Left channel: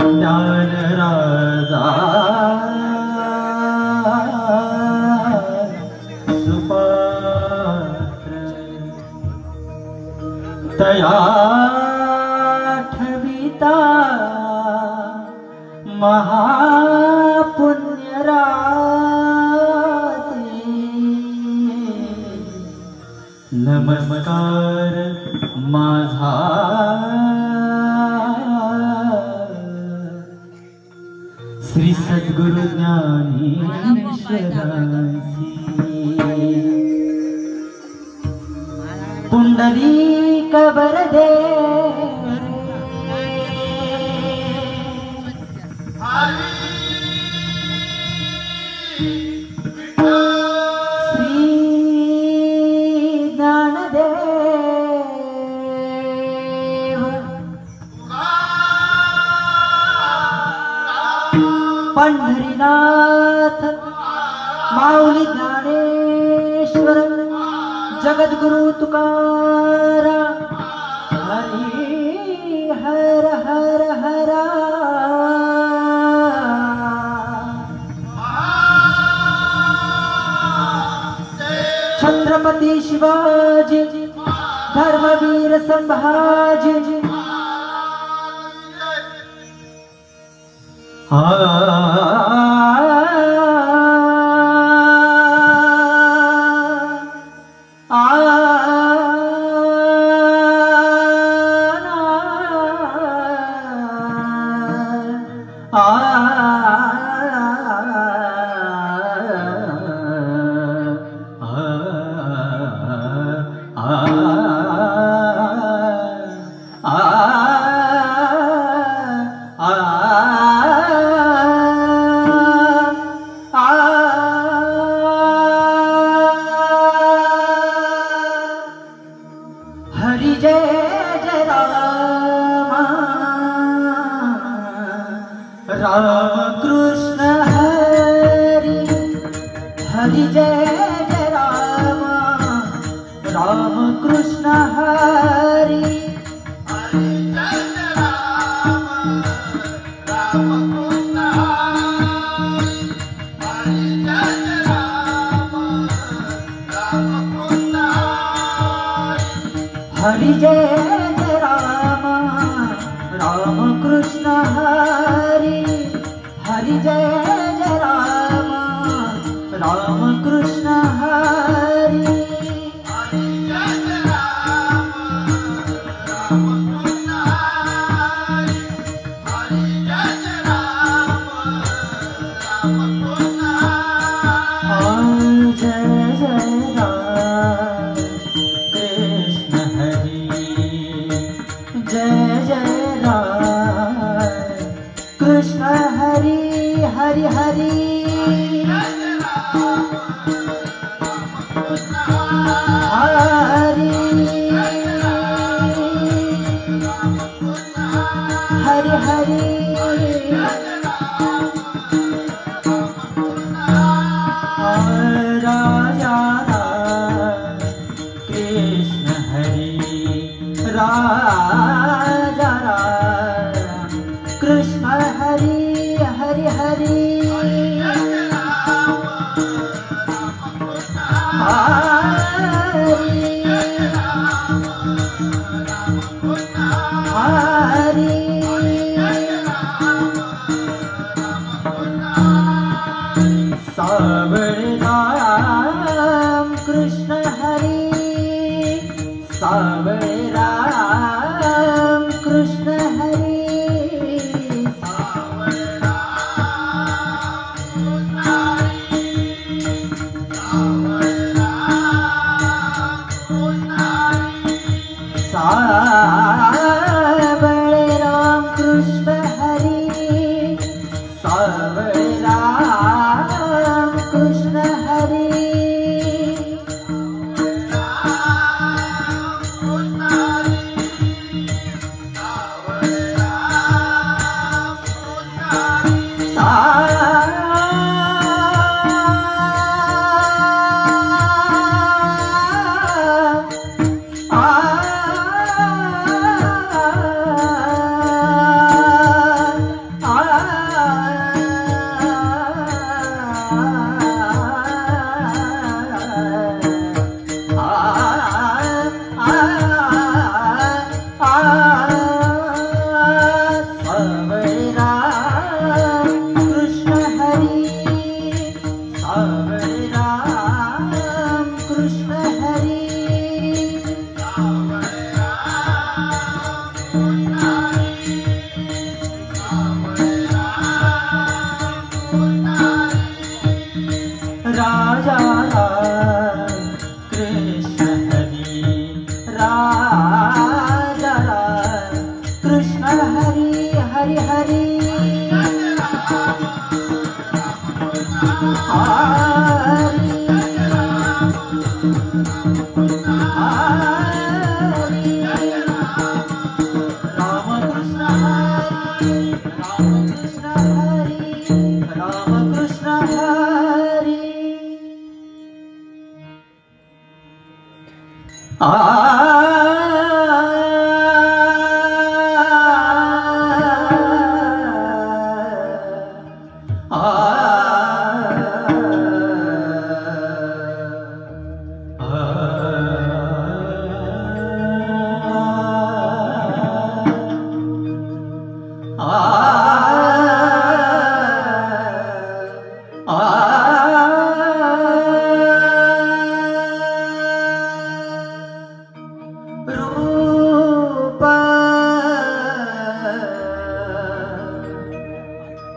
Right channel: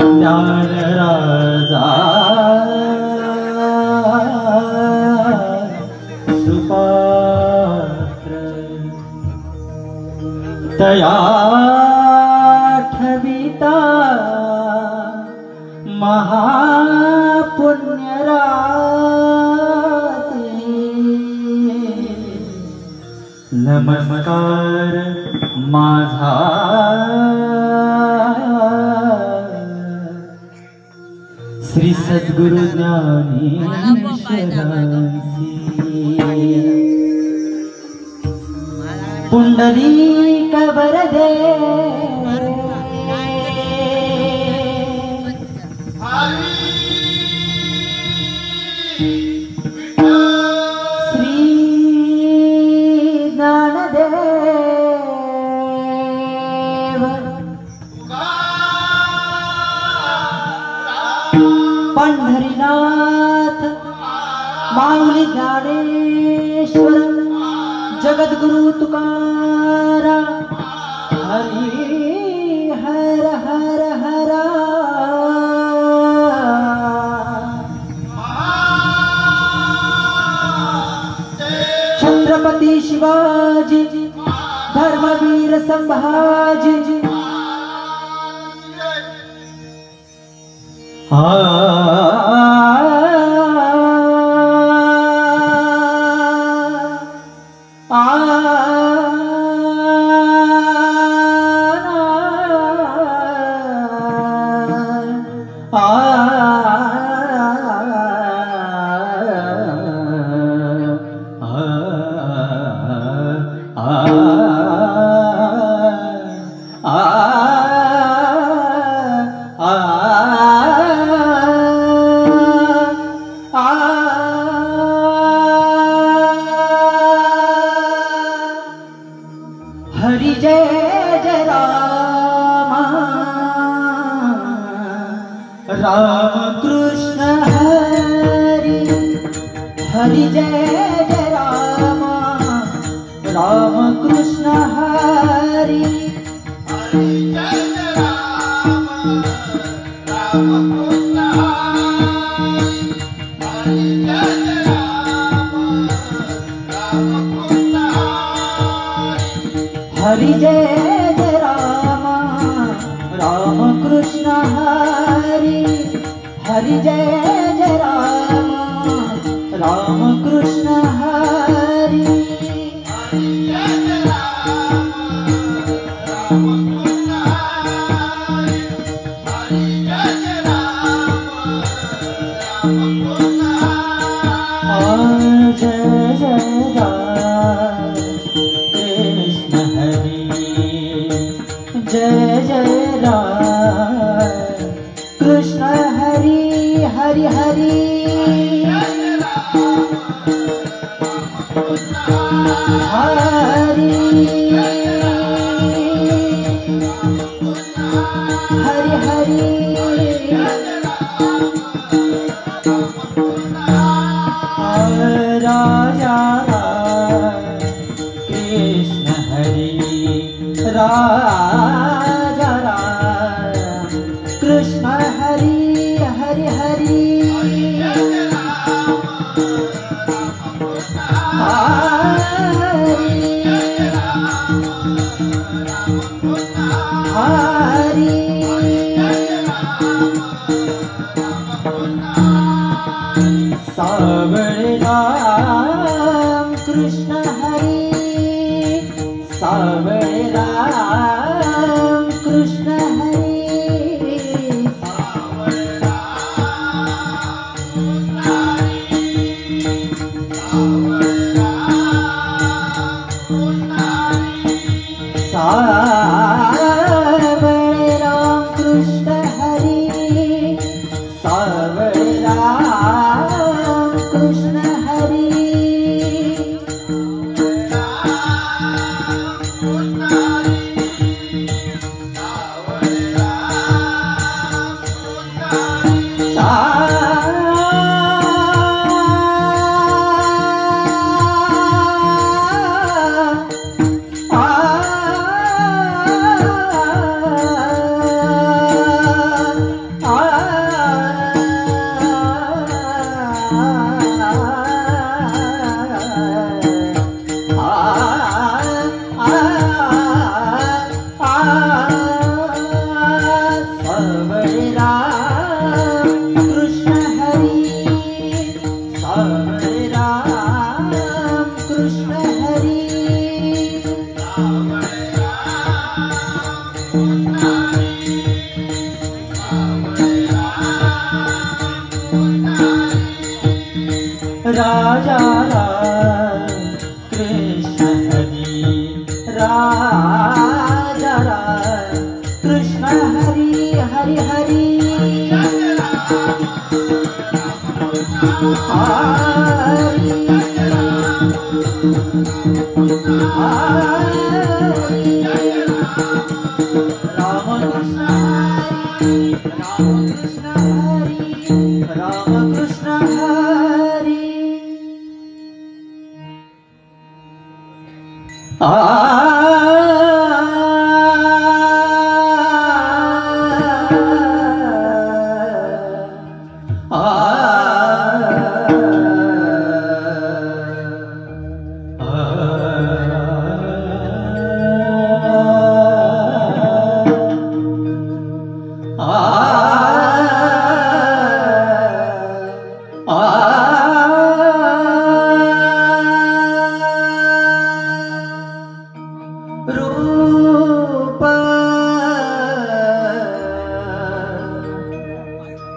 ज्ञान राजा सुपात्र तया ठविता महापुण्यरात्री नमस्कार माझा श्री सद्गुरु ज्ञानेश्वरांची पुंडलिक वरदे श्री ज्ञानदेव पंढरीनाथ माऊली ज्ञानेश्वर जगद्गुरु तुकाराम हरी हर हर हर छत्रपती शिवाजी धर्मवीर संभाजी हरि जय जय राम राम कृष्ण हरि हरि जय जय राम राम कृष्ण हरि हरि जय जय राम राम कृष्ण हरि हरि जय जय राम राम कृष्ण हरि जय जय राम कृष्ण हरि जय जय राम कृष्ण हरि हरि हरि हरि हरि हरि राजा राम कृष्ण हरि राजा राम कृष्ण हरि हरि हरि हरि सावळे राम कृष्ण हरि सावळे राम कृष्ण हरि सावळे राम राजा राम कृष्ण हरि राजा राम कृष्ण हरि हरि हरि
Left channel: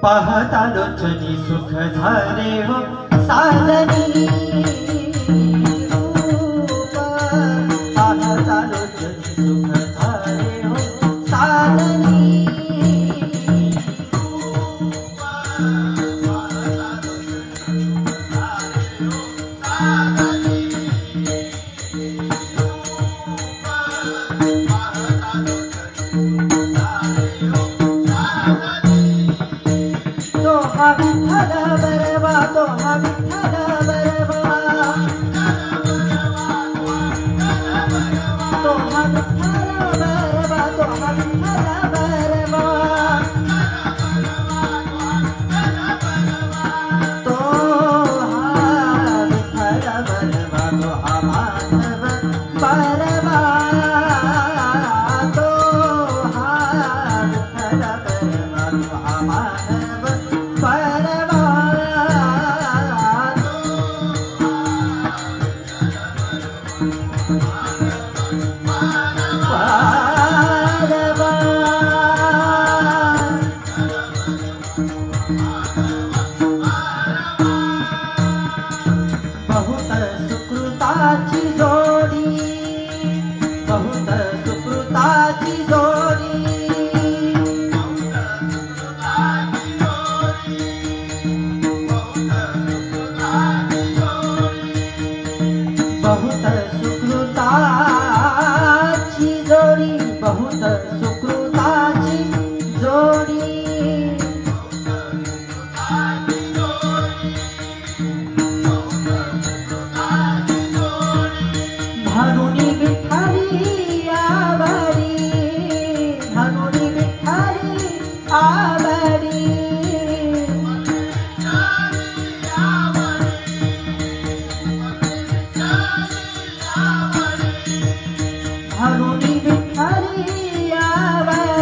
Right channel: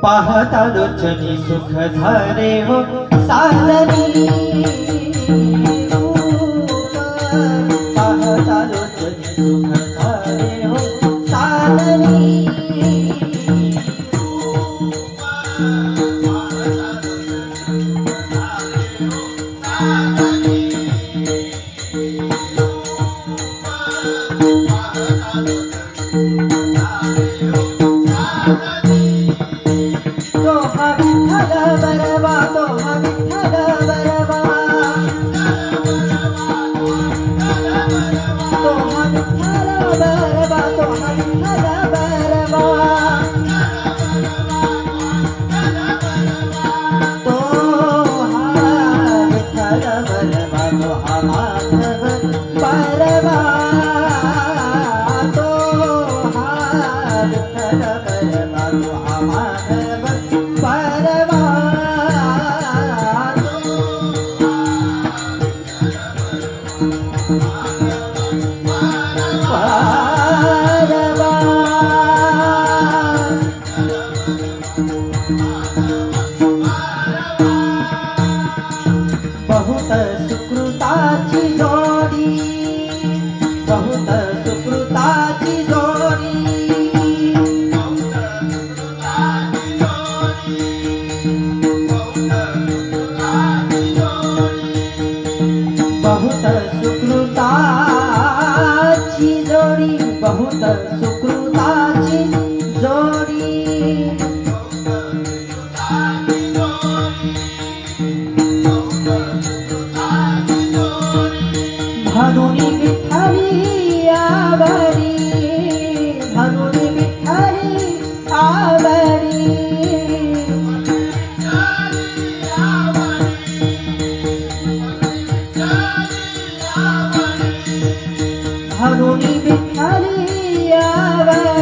पाहता लोचनी सुख झाले हो साजनी पाहता लोचनी सुख झाले हो साजनी हनुनी विठ्ठली आवडी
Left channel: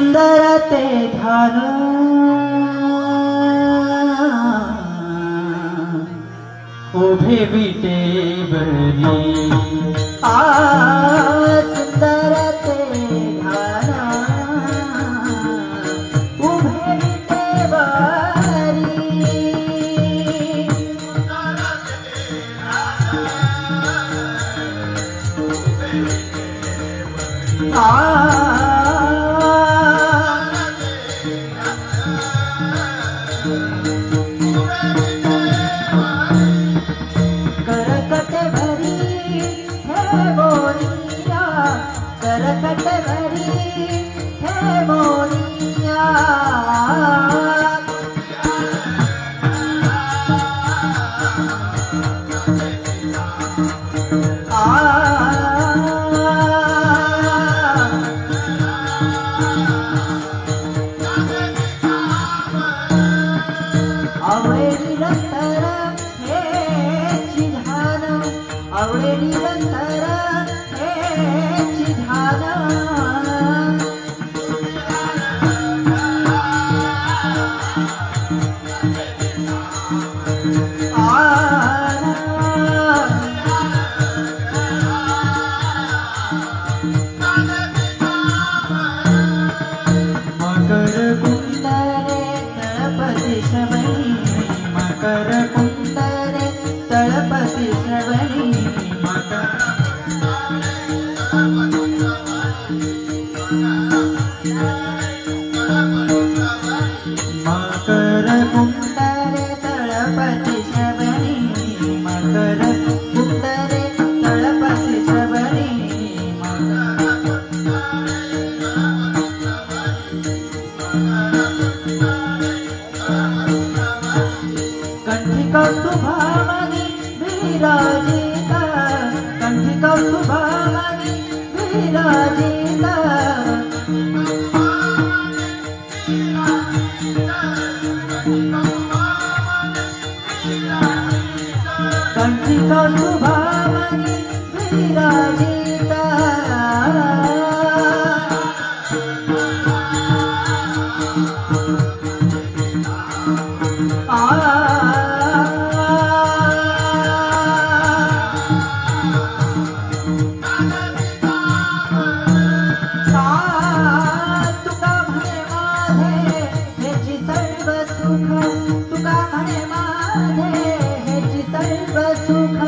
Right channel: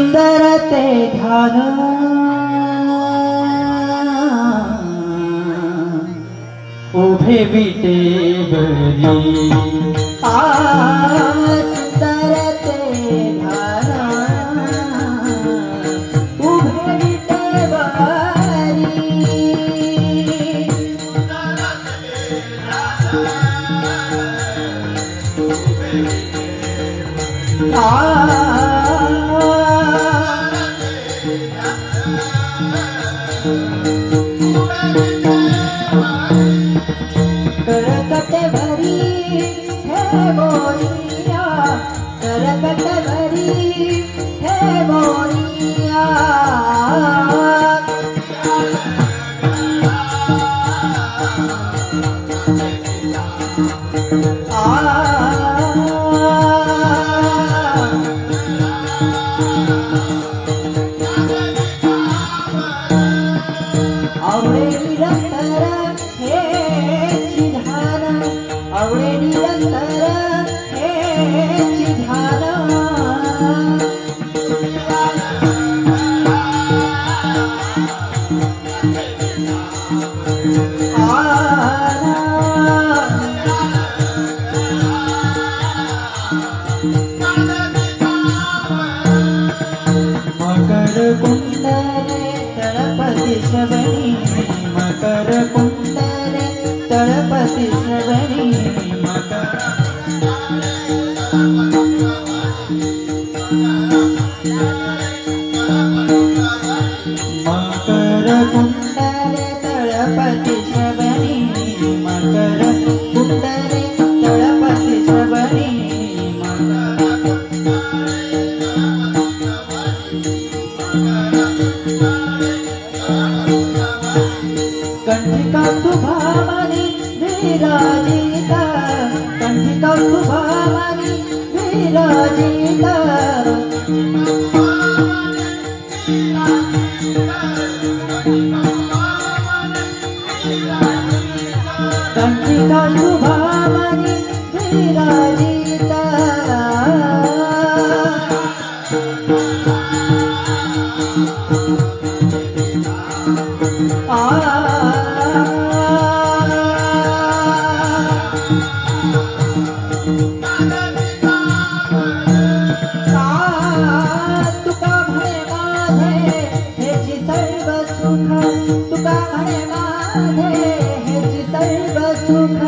सुंदर ते ध्यान उभे विटेवरी सुंदर ते ध्यान उभे विटेवरी करकट भरी हे मोरिया करकट भरी हे मोरिया आवडे निरंतर हे चिधान आवडे निरंतर हे चिधान मकर कुंडले तळपती शबरी मकर कुंडले तळपती शबरी मकर कुंडले तळपती शबरी मकर कुंडले तळपती शबरी कंठिका तुभामणि विराजिता कंठिका तुभामणि विराजिता कंठिका तुभामणि विराजिता तुका म्हणे माझे हेची सर्व सुख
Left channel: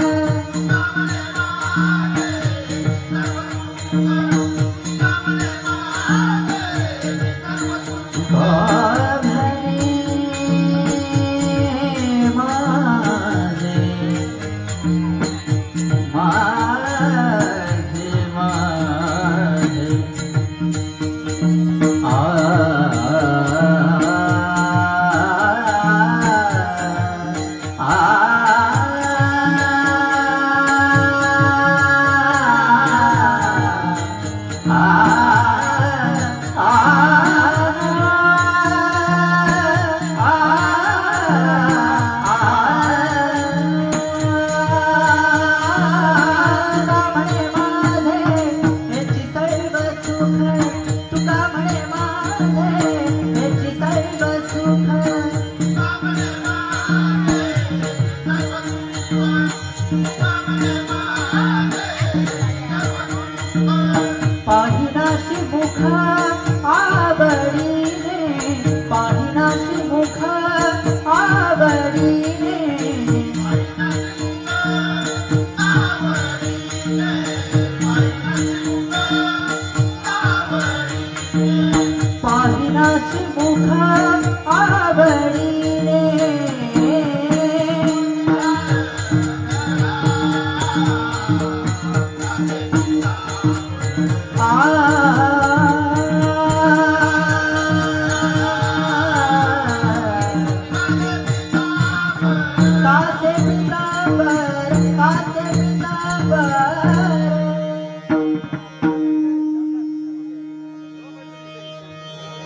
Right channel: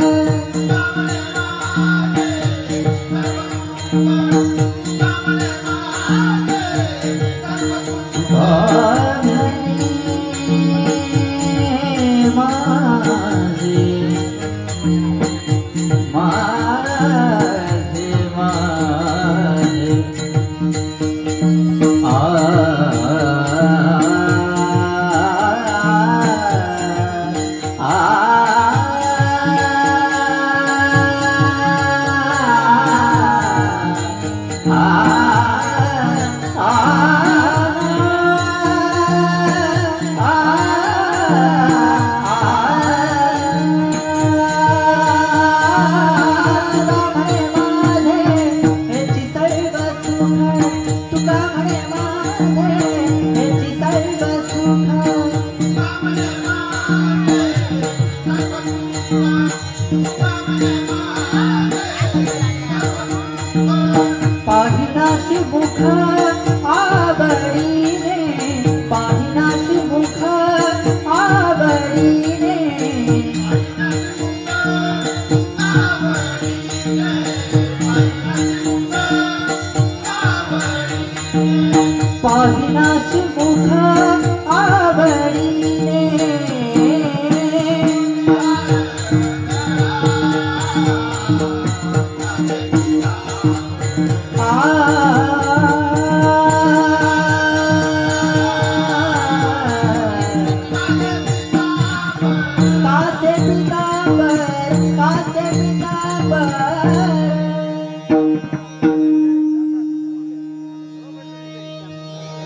तुका म्हणे माझे हेची सर्व सुख पाहिनाशी मुख आवडीने पाहिनाशी मुख आवडीने पाहिनाशी मुख आवडीने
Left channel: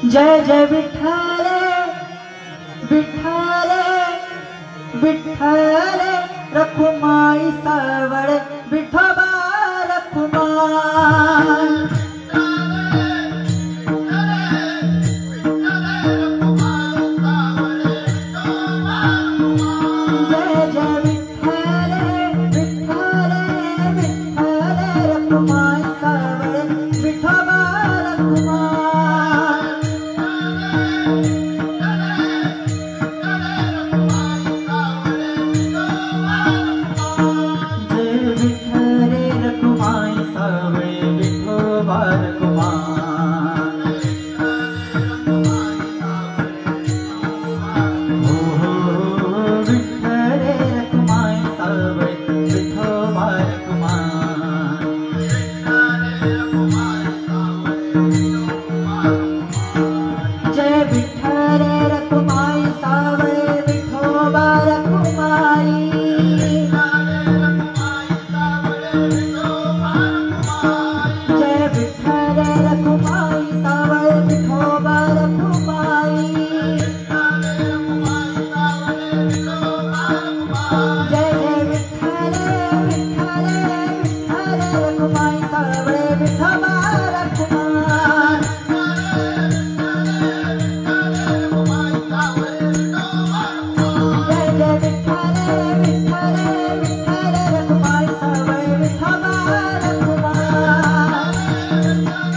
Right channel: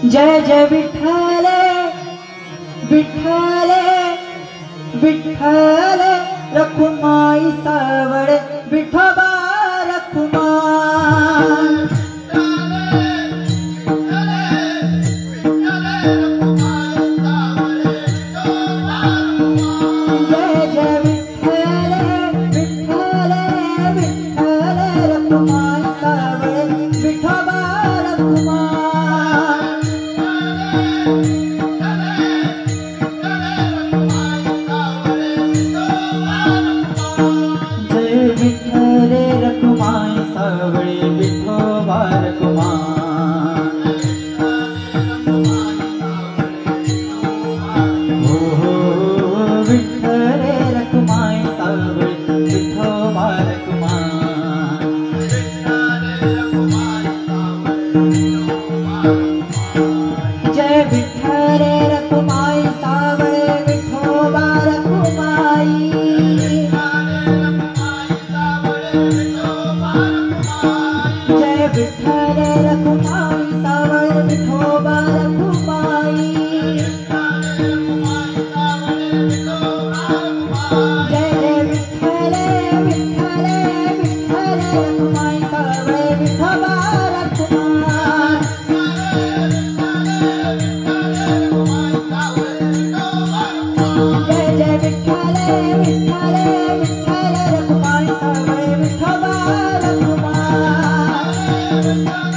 जय जय विठ्ठल विठ्ठल विठ्ठल रखुमाई सावड विठोबा रखुमाई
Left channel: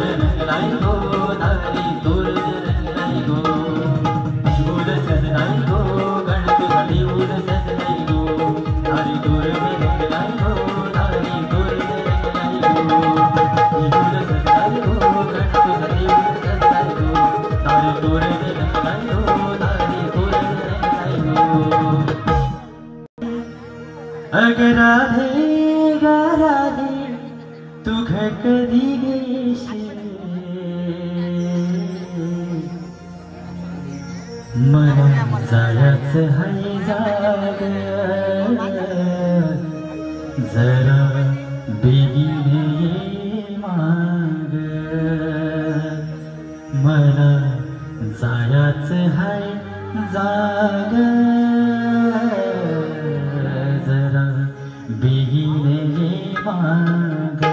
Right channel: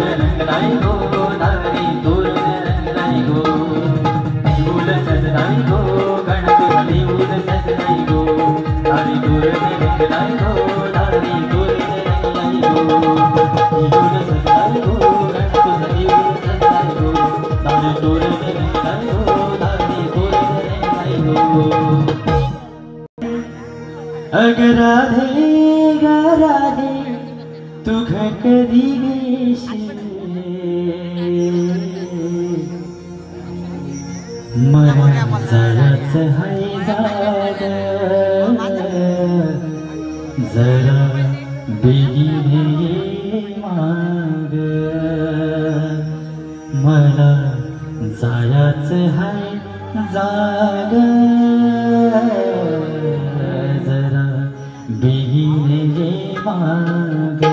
रंगलाई गो दारी तोरण रंगलाई गो निमूल सजलाई गो गणपती निमूल सजलाई गो दारी तोरण रंगलाई गो दारी तोरण रंगलाई गो निमूल सजलाई गो गणपती निमूल सजलाई गो दारी तोरण रंगलाई गो दारी तोरण रंगलाई गो अगर राधे तू घर कधी मला जायचं हाय जागा जरा बेगीने ये माग मला जायचं हाय जागा जरा बेगीने ये माग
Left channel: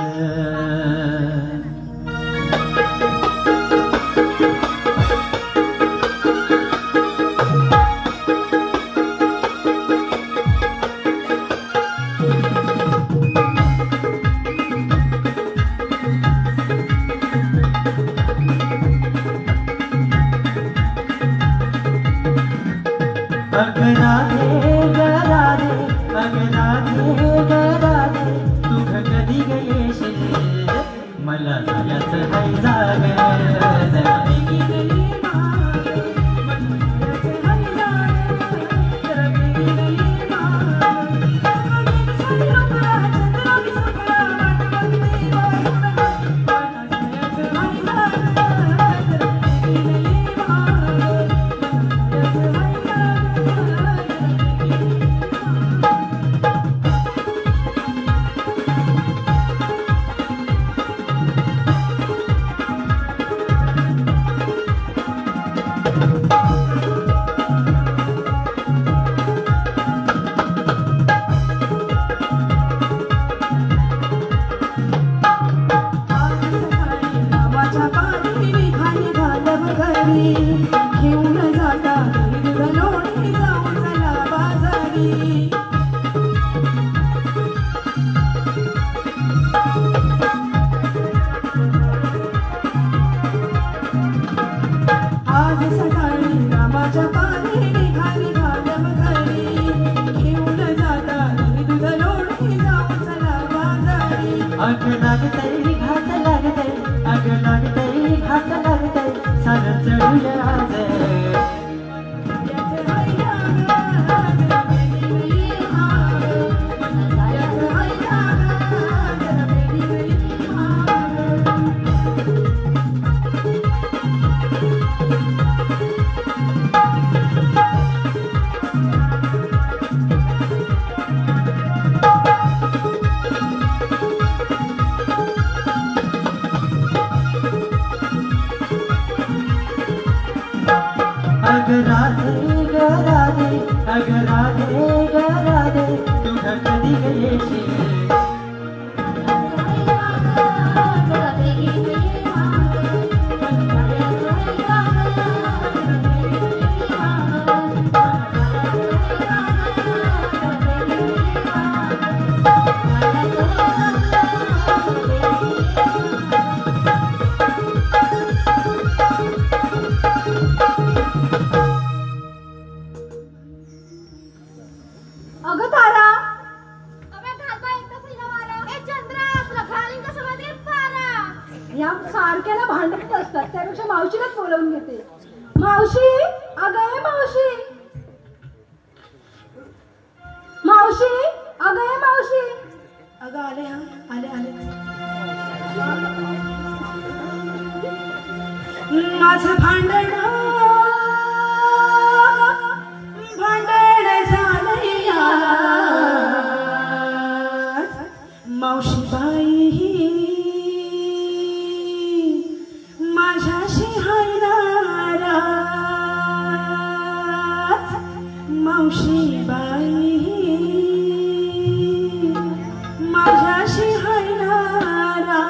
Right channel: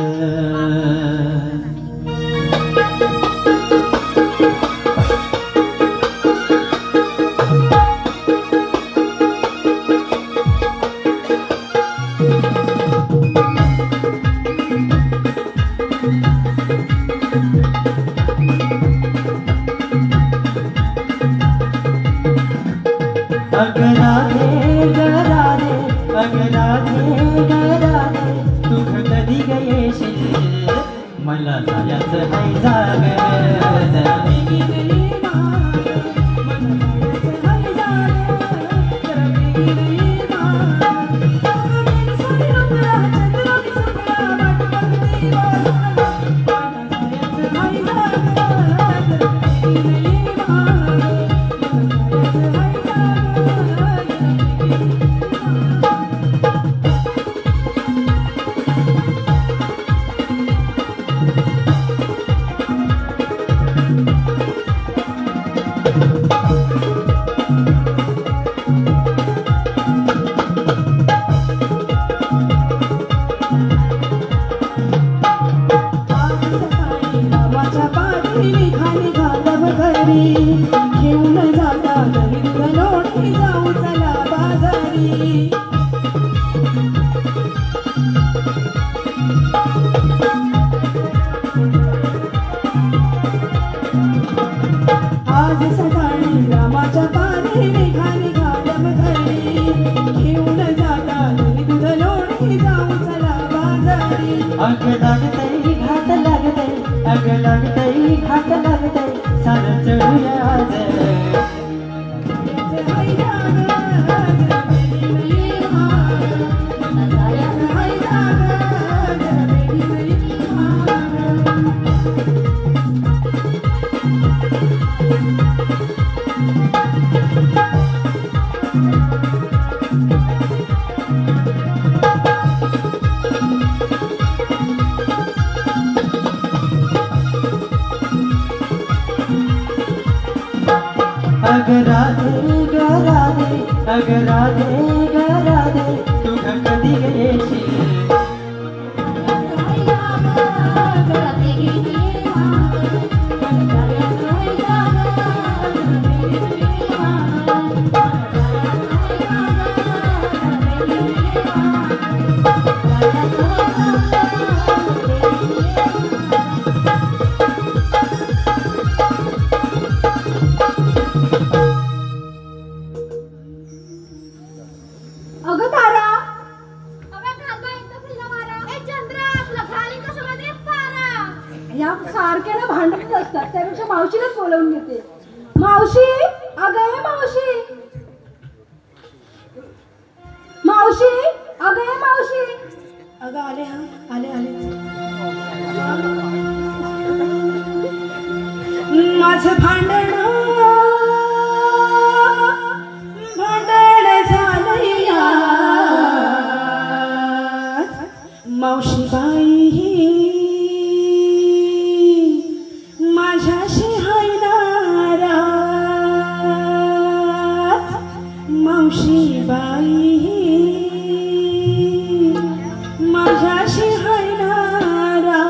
मला जायचं हाय जागा जरा बेगीने ये माग आज सकाळी रामाच्या पारी निघाली घालम घरी घेऊन जाता दूध लोणी जाऊ चला बाजारी अग लागतय घाट लागतय अग लागतय घाट लागतय सारं चढूया आज अगर राधे तू घर कधी येशील या सारखे ना भांडत असतात त्यापेक्षा मावशीलाच बोलावून घेते. मावशी अगं मावशी मावशी अगं मावशी अगं आले हा आले आले माझं भांडण झालंया मावशी बाई माझ्याशी हाय नाराज मावशी बाई माझ्याशी हाय नाराज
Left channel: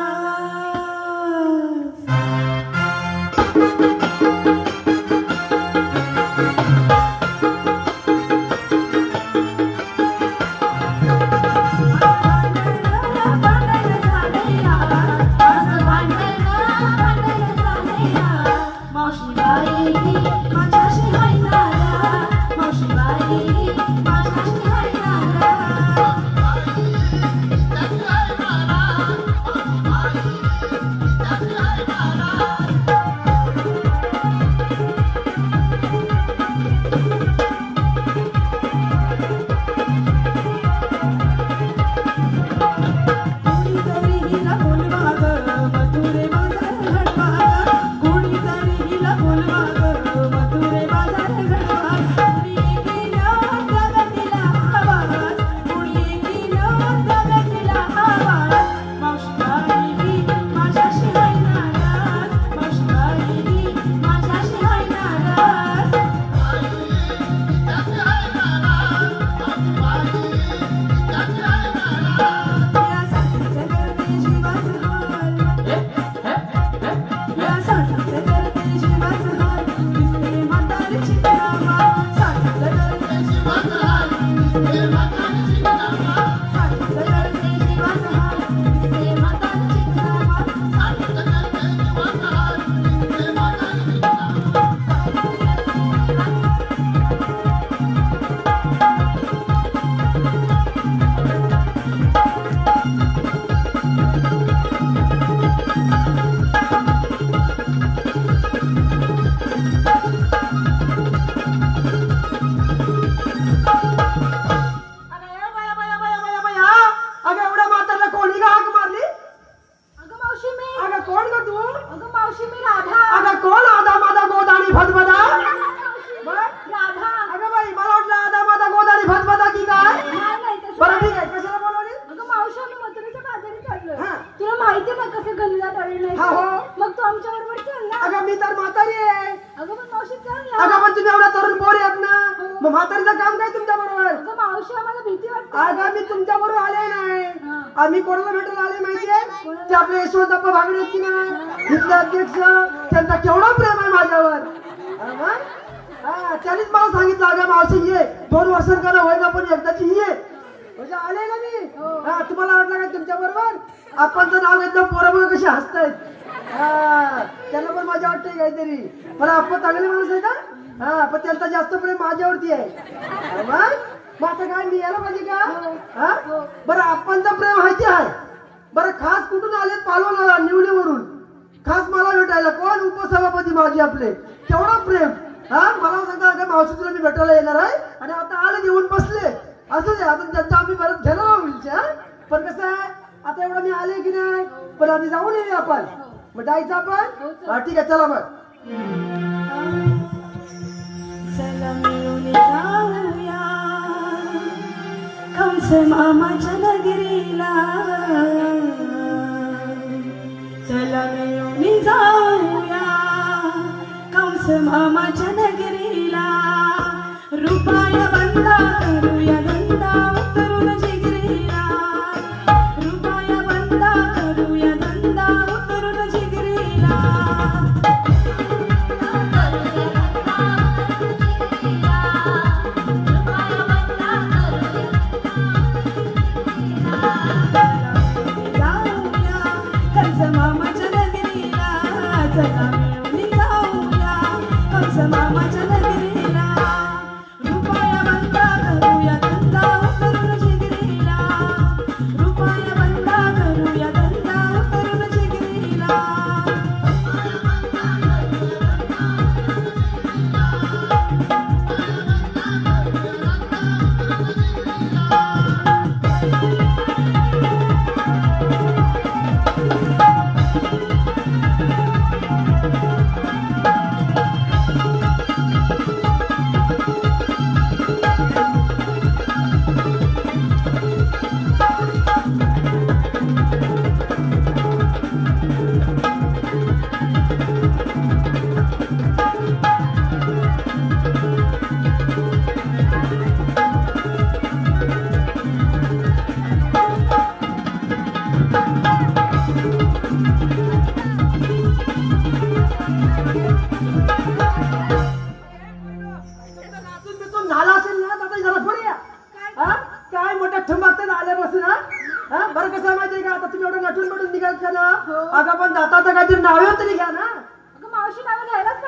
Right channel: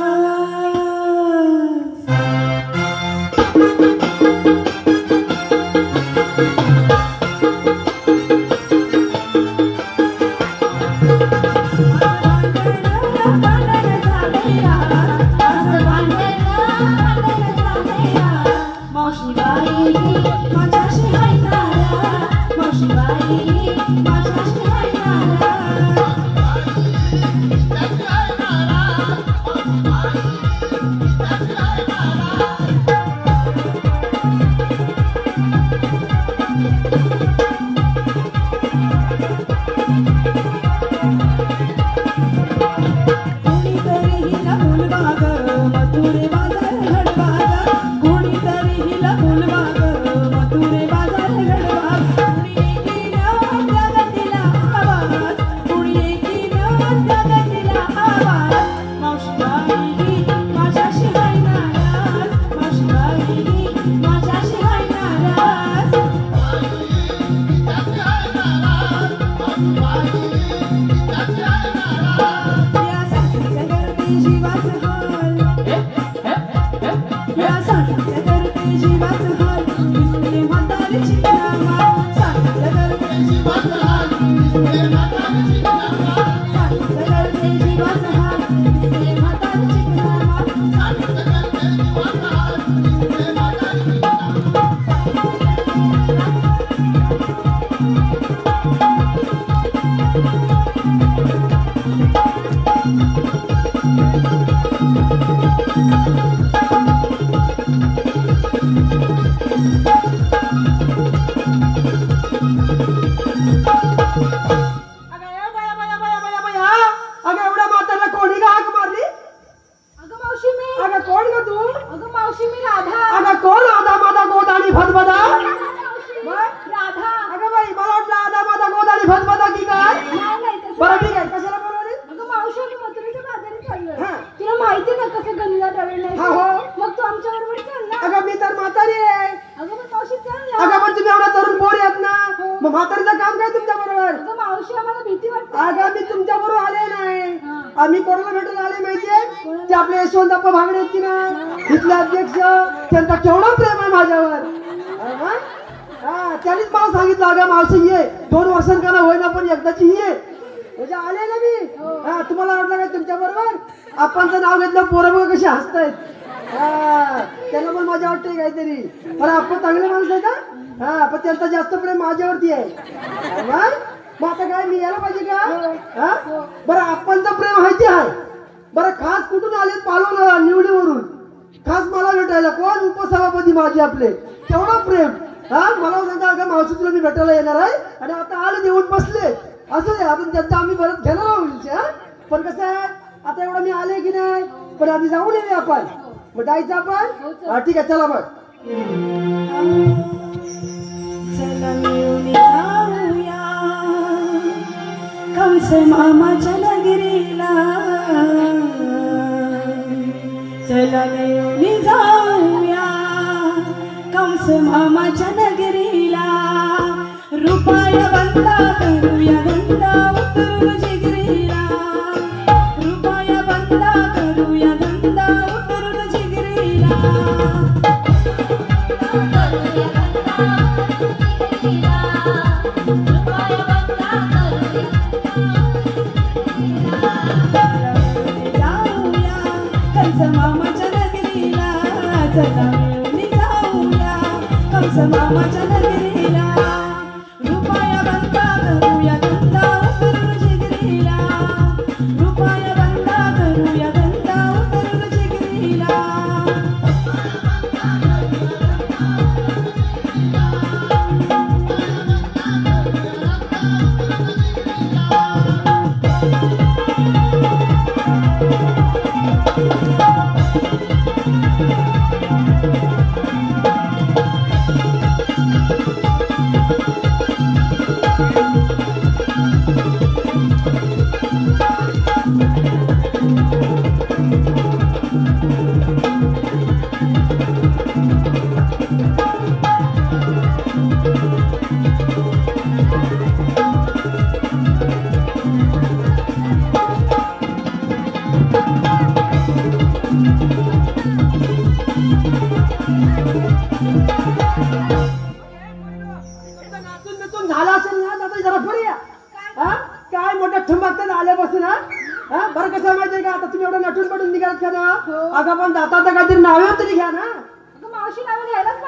या साठीचे करते जीवास हाल दिसते म्हातारीची नावा साठीचे करते जीवास हाल दिसते म्हातारीची नावा साठीचे करते जीवास हाल दिसते म्हातारीची नावा साठीचे करते जीवास हाल दिसते म्हातारीची आम्ही कोणाला भेटायला आले माहितीये ते आपले यशवंतप्पा भागडे आहेत की नाही इथले अध्यक्ष त्यांचा केवढा प्रेम आहे माझ्यावर त्यांनीच मला सांगितलं अगं मावशी ये 2 वर्षांना होईना पण एकदाची ये म्हणजे आले ना मी तुम्हाला वाटलं काय तुमच्या बरोबर आपणचं नाव घेतलं पोरं बघा कशी हसतायत त्यांना पण माझ्या वाटतंय काहीतरी पण आपण चांगले माणूस आहे का पण त्यांचा जास्त प्रेम माझ्यावरती आहे मग आता काय मी यायला पाहिजे का बरं आपणचं प्रेम माहिती आहे बरं खास कुठून आले पालवला निवडीवरून खास मला भेटायला कोण उपसभापती माझे आपले केवढं प्रेम मला सांगा का मावशी तुला मी भेटायला येणार आहे आणि आता आले येऊन बसले असं आहे आपण त्यांचा आम्ही परत घेणार आहोत पण कसं आहे आता एवढं मी आले की नाही पण आधी जाऊन येणे आपण मग जायचं आपण ठीक आहे चला मग कंस मामाच्या नगरीला चला मिळून जाऊया कंस मामाच्या नगरीला रुपया बंदा करूया गंदा उतरून जिगरीला रुपया बंदा करूया गंदा उतरून जिगरीला मामाच्या नगरीला चला मिळून जाऊया कंस मामाच्या नगरीला रुपया बंदा करूया गंदा उतरून जिगरीला रुपया बंदा करूया गंदा उतरून जिगरीला झाला असेल ना आता जरा पुढे या काय मोठ्या ठुमकते आल्यापासून बरं कसं माहितीये का आता तुम्ही एवढं नटून पडून निघाल का ना अगं पण जाता तर काहीतरी नावे तरी घ्या ना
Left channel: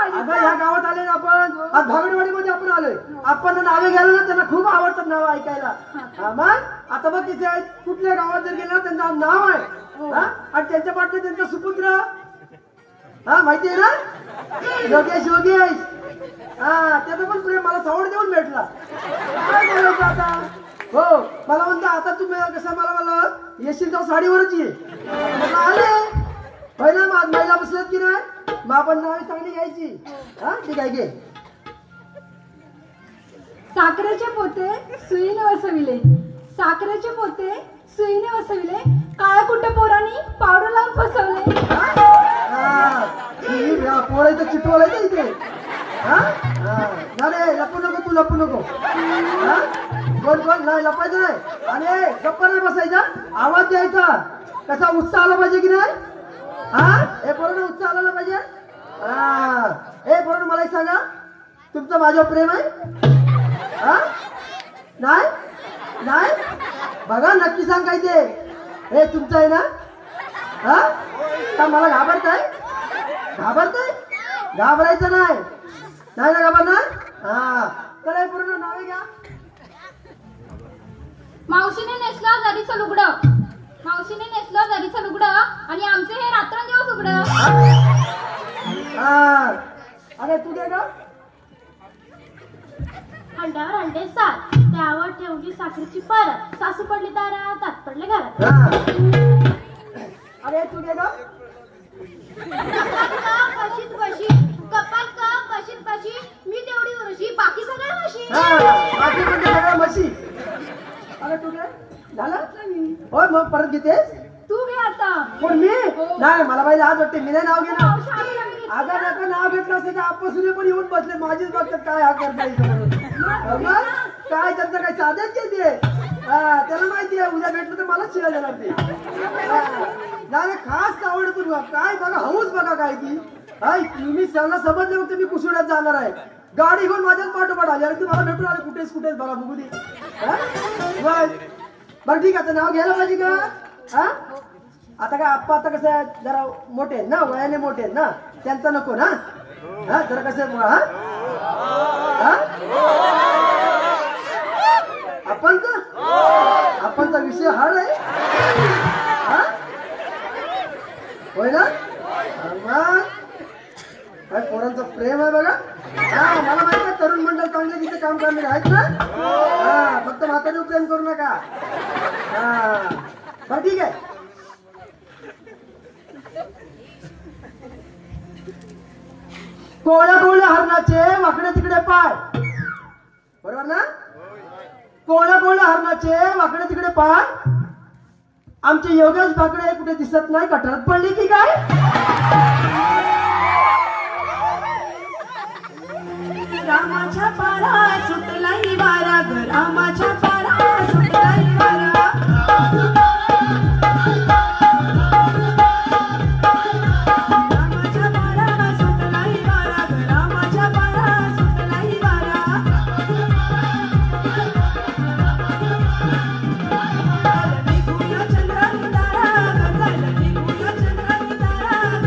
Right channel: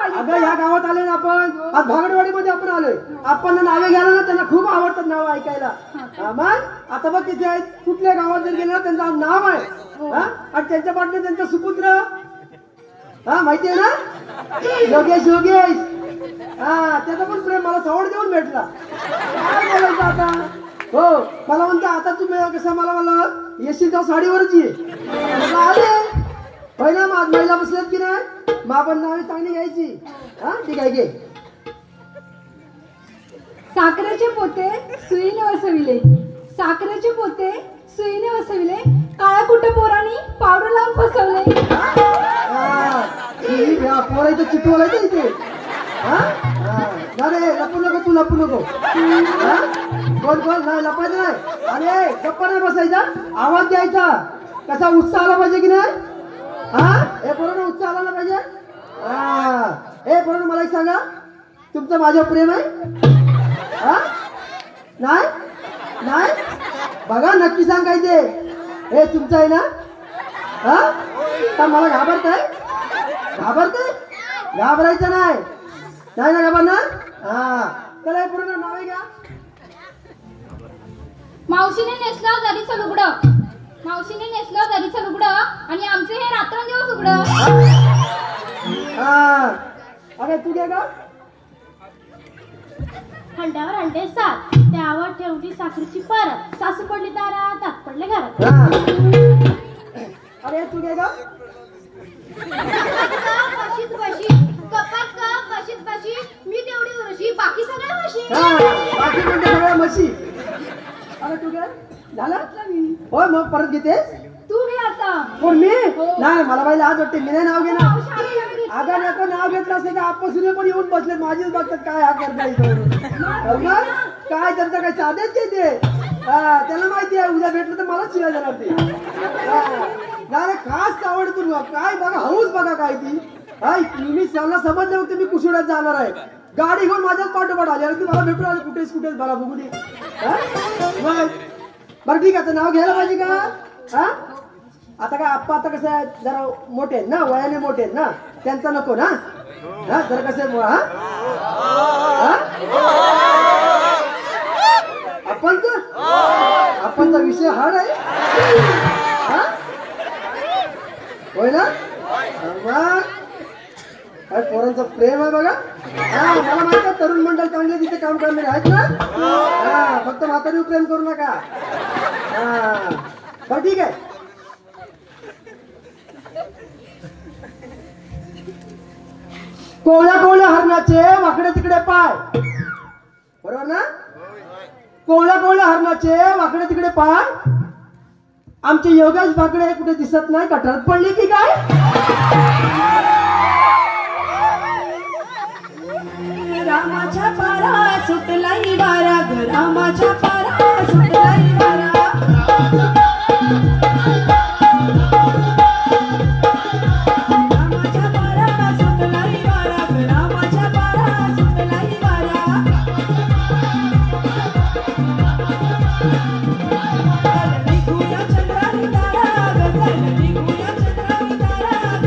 अगं ह्या गावात आले ना आपण आज भागडवाडीमध्ये आपण आलोय आपण नावे घ्यायला ना त्यांना खूप आवडतात नावं ऐकायला मग आता बघ तिथे आहेत कुठल्या गावात जर गेले ना त्यांचं नाव आहे आणि त्यांच्या पाठने त्यांचा सुपुत्र माहिती आहे ना योगेश योगेश त्याचा पण प्रेम मला सवड देऊन भेटला काय बोलायचं आता हो मला म्हणतो आता तुम्ही कसं मला येशील तर साडीवरच ये आले पहिला महिला बसल्यात की नाही मग आपण नावे चांगली घ्यायची ठीक आहे घे साखरेचे पोते सुईने वसविले साखरेचे पोते सुईने वसविले काळ्या कुट्ट पोरांनी पावडर लावून फसवले पोरायचं चिटवायचं इथे अरे लपू नको तू लपू नको कोण कोण नाही लपायचं नाही अरे गप्पा नाही बसायचा आवाज द्यायचा कसा उत्साह आला पाहिजे की नाही हे पोरांना उत्साह आला पाहिजे. हे पोरांना मला एक सांगा, तुमचं माझ्यावर प्रेम आहे? नाही नाही बघा नक्की सांग काय ते. हे तुमचं आहे ना? तर मला घाबरताय? घाबरायचं नाही नाही ना घाबरणार. त्याला हे पूर्ण नाव घ्या. मावशीने नेसलं दरीचं लुगडं, मावशीने नेसलं दरीचं लुगडं आणि आमचे हे रात्रंदिवस उघडं. अरे तू घे का? हंड्यावर हंडे सात, त्यावर ठेवली साखरेची परत, सासू पडली दारात, तात पडले घरात. अरे तू घे का? बशीत बशी, कपात कप बशीत बशी, मी तेवढी उरशी, बाकी सगळ्या म्हशी. बाकी म्हणजे सगळ्या म्हशी. अरे तू घे. झालं होय मग परत घेते. तू घे आता. कोण मी? नाही मला पाहिजे आज वाटते मी नाही नाव घेणार. आता नका नाव घेतलं असेल तर आपसून पण येऊन बसले माझीच बघतात काय हा करता काय त्यांचं काय साधेच घेते. त्याला माहिती आहे उद्या भेटलं तर मलाच शिवाय देणार ते. नाही खास आवडतून काय बघा हौस बघा काय ती. मी त्यांना समजलं होतं मी कुशुड्यात जाणार आहे. गाडी घेऊन माझ्याच पाठोपाठ आली आणि ती मला भेटून आली कुठेच मला बघू दे. बरं ठीक आहे नाव घ्यायला पाहिजे का? आता काय आप्पा आता कसं आहे जरा मोठे आहेत ना वयाने मोठे आहेत ना त्यांचं नको ना. जरा कसं आपणचा विषय हार्ड आहे होय ना. मग काय पोरांचं प्रेम आहे बघा. मला माहिती आहे तरुण मंडळ चांगले तिथे काम करणारे आहेत ना. फक्त म्हातारी प्रेम करू नका. बरं ठीक आहे. कोवळ्या कोवळ्या हरणाचे वाकडे तिकडे पाय. बरोबर ना? कोवळ्या कोवळ्या हरणाचे वाकडे तिकडे पाय. आमचे योगेश बाकडे कुठे दिसत नाही. गटारात पडली की काय? रामाच्या पारा सुटलाई वारा ग रामाच्या पारा सुटलाई वारा. रामाच्या पारा सुटलाई वारा ग रामाच्या पारा सुटलाई वारा. निघूया चंद्रानी तारा ग निघूया चंद्रानी तारा ग.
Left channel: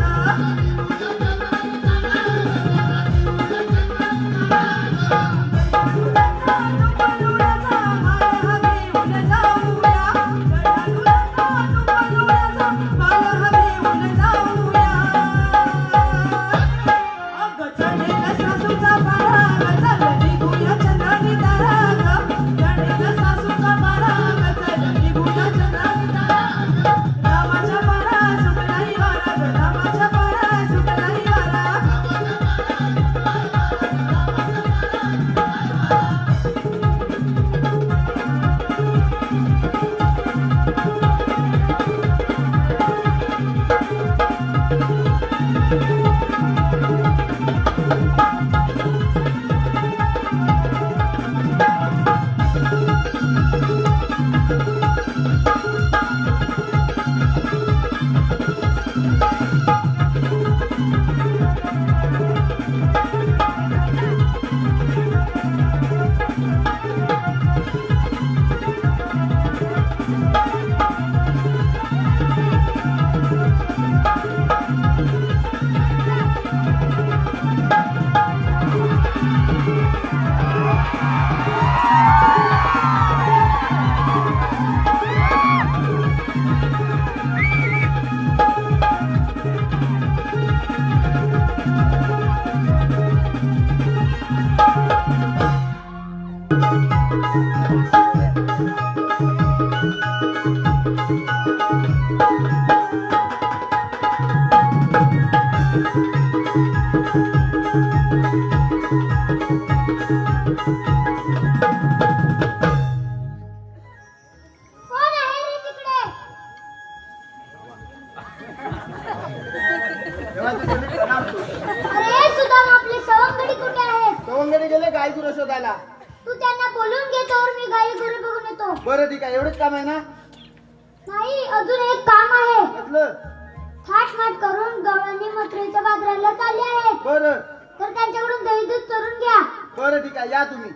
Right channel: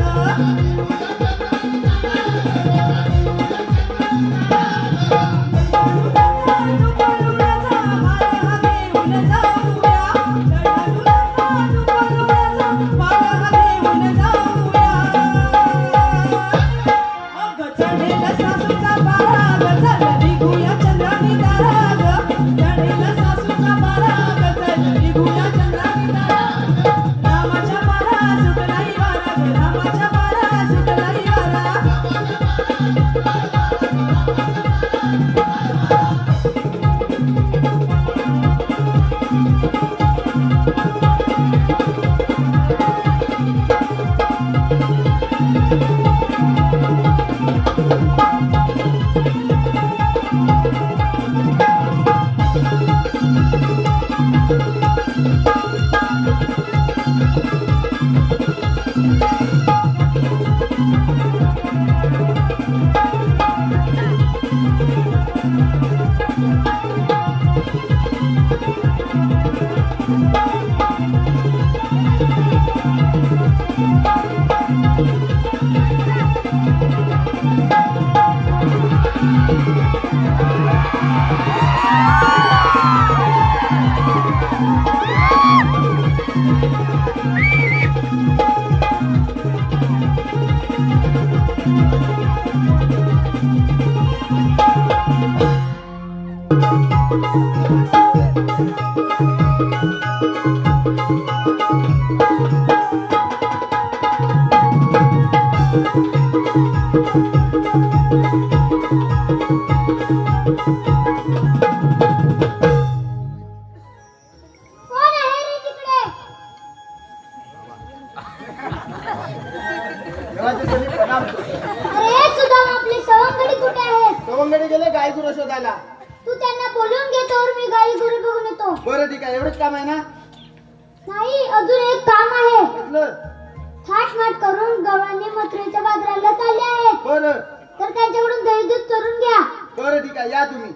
थाटमाट करून गवळणी मथुरेच्या बाजाराला चालले आहेत. बरं तर त्यांच्याकडून दही दूध चोरून घ्या. बरं ठीक आहे, या तुम्ही.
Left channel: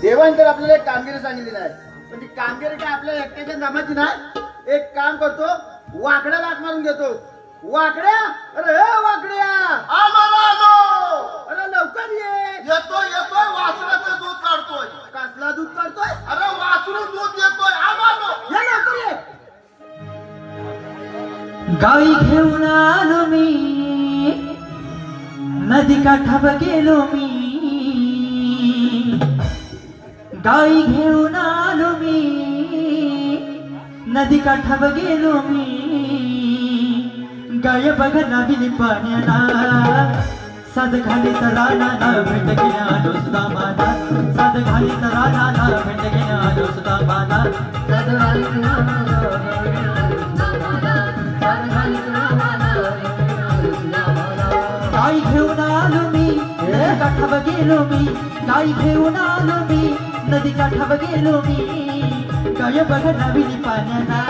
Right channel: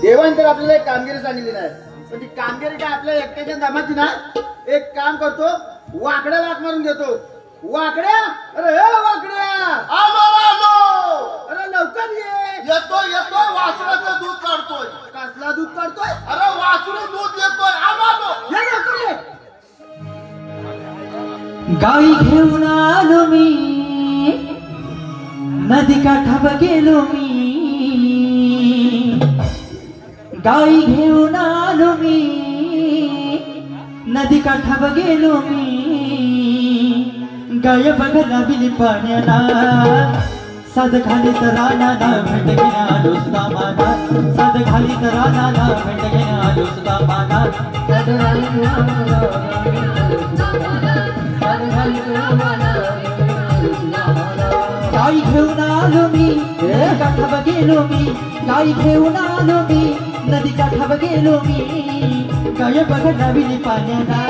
देवान तर आपल्याला एक कामगिरी सांगितली नाही, पण ती कामगिरी काय आपल्या एकट्याच्या दामाची नाही. एक काम करतो, वाकड्या लाक मारून घेतो. वाकड्या, अरे हे वाकड्या, अरे लवकर ये. येतोय वासराचं दूध काढतोय. कसला दूध काढतोय? अरे वासरू दूध देतोय. ये लवकर ये. गाई घेऊन आलो मी, नदी काठावर गेलो मी. गाई घेऊन आलो मी, नदी काठावर गेलो मी. गाय बघला दिली पाण्याला, साध घाली तर रानाला भेट घेऊन आलो सुद्धा माझा. साध घाली तर रानाला भेट घेऊन आलो सुद्धा माझा. गाई घेऊन आलो मी, नदी काठावर गेलो मी. गाई घेऊन आलो मी, नदी काठावर गेलो मी. गाय बघ नवीन पाण्याला,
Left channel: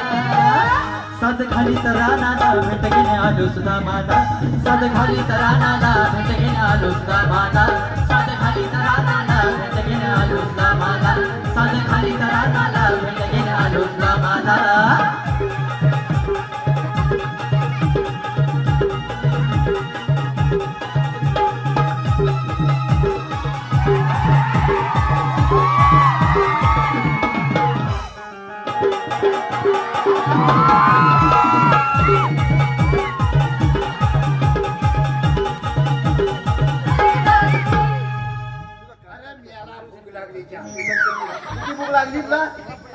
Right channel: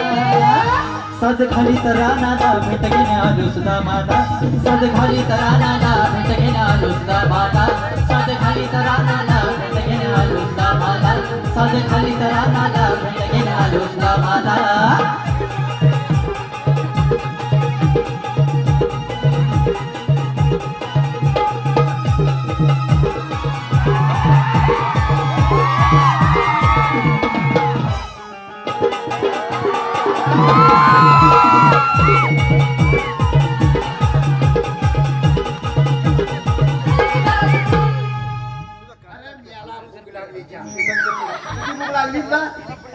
साध खाली तर रानाला भेट घेऊन आलो सुद्धा माझा. साध खाली तर रानाला भेट घेऊन आलो सुद्धा माझा. साध खाली तर रानाला भेट घेऊन आलो सुद्धा माझा. साध खाली तर रानाला भेट घेऊन आलो सुद्धा माझा. भूक लागली का?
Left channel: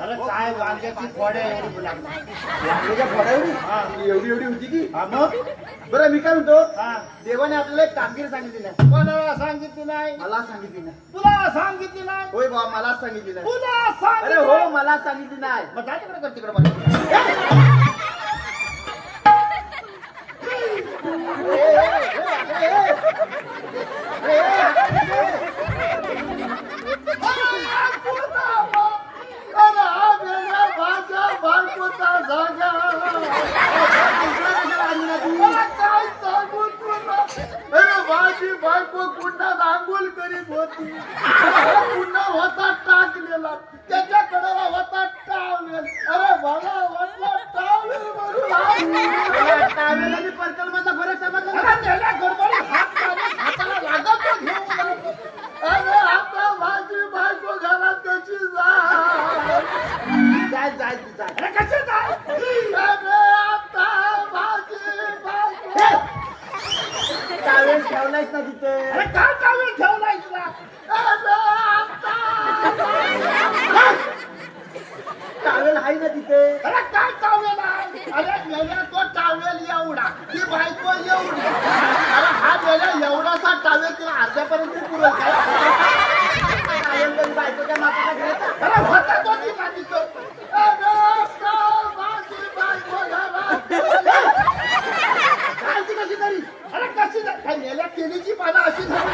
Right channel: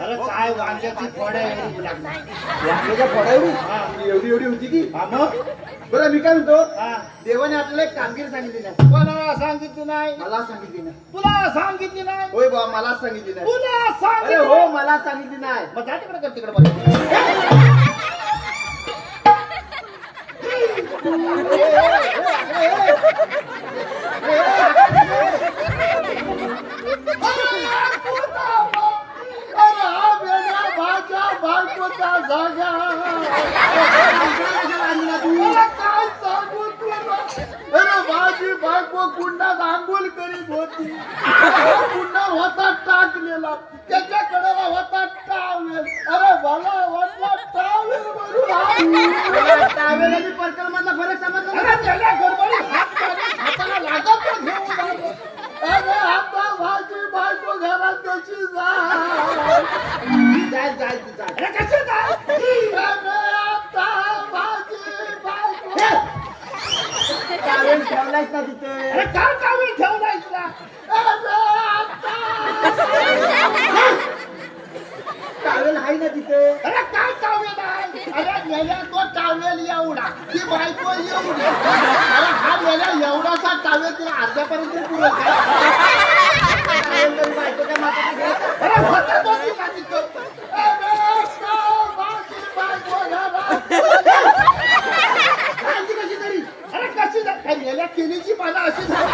अरे काय वांग्याची फळे वांग्याच्या फळावरी एवढी होती की? मग बरं मी काय म्हणतो, देवाने आपल्याला एक कामगिरी सांगितली नाही. कोणाला सांगितली नाही? मला सांगितली नाही. तुला सांगितली नाही? होय बाबा, मला सांगितली नाही. तुला अरे सांगितली? हो, मला सांगितली नाही. मग जा तिकडे कर, तिकडे बघ. माझी बायको कुंडात आंघोळ करीत होती. कुंडा होता टाकलेला, त्याच्याकडे होता टावेल. अरे मला वाटला टावेल म्हणून टावेल आणि पर्कल मधला फरक समजला. त्याला गडबडी हाताला लागत तो घेऊन आलो. अरे आता माझी बायको घरात कशी जाय जाय जाय. अरे कशी जाय? अरे आता माझी बायको टावेल ठेवलायच ना तिथे. अरे काय टावेल ठेवलाय तुला? टावेल आहे ना तिथे. अरे काय टावेल आहे? अरे गेल्या तो टावेल एवढा, ती बायको एवढी. अरे हा गेल्या एवढासा टावेल तिला अर्ध्यापर्यंत पुरेल काय? टावेल तरी बायकोच्या माताचा घ्यायचा. अरे होता तो तिला तिथं. कालची कशी तरी. अरे कशी जाय? काय गेल्या केलीची पानं अशी झाली.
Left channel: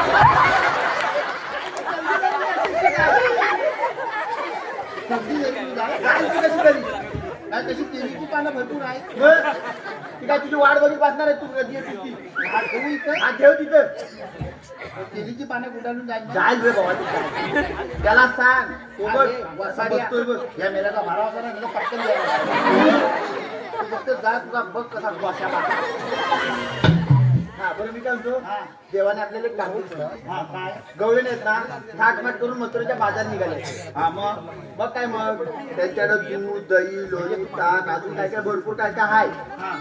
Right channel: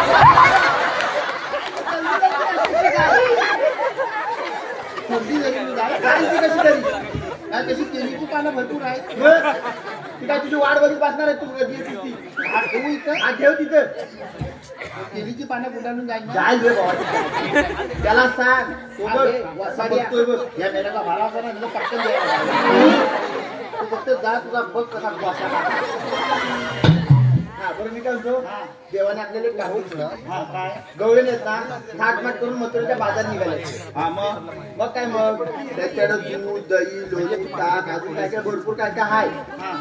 कालची कशी तरी. काय तशी केलीची पानं भरपूर आहेत. बरं. ती काय तुझी वाट बघत बसणार आहे तू कधी येते ती. हा ठेवू इथं. हा ठेव तिथं. केलीची पानं गुंडाळून जाईल ना. जाय बे बाबा तिथे. त्याला सांग तो बघ वसा बघतोय बघ. या मेल्याचा भारा होता ना, तुझं पटकन द्यायला. तू फक्त जा, तुझा बघ कसा बसायला. हा बरं मी काय म्हणतो, देवाने आपल्याला एक कामगिरी सांगितली. हा काय? गवळे आहेत ना, थाटमाट करून मथुरेच्या बाजार निघाले. हा मग मग काय मग त्याच्याकडे दूध दही लोणी ताक अजून काय काय भरपूर काय काय आहे. हा.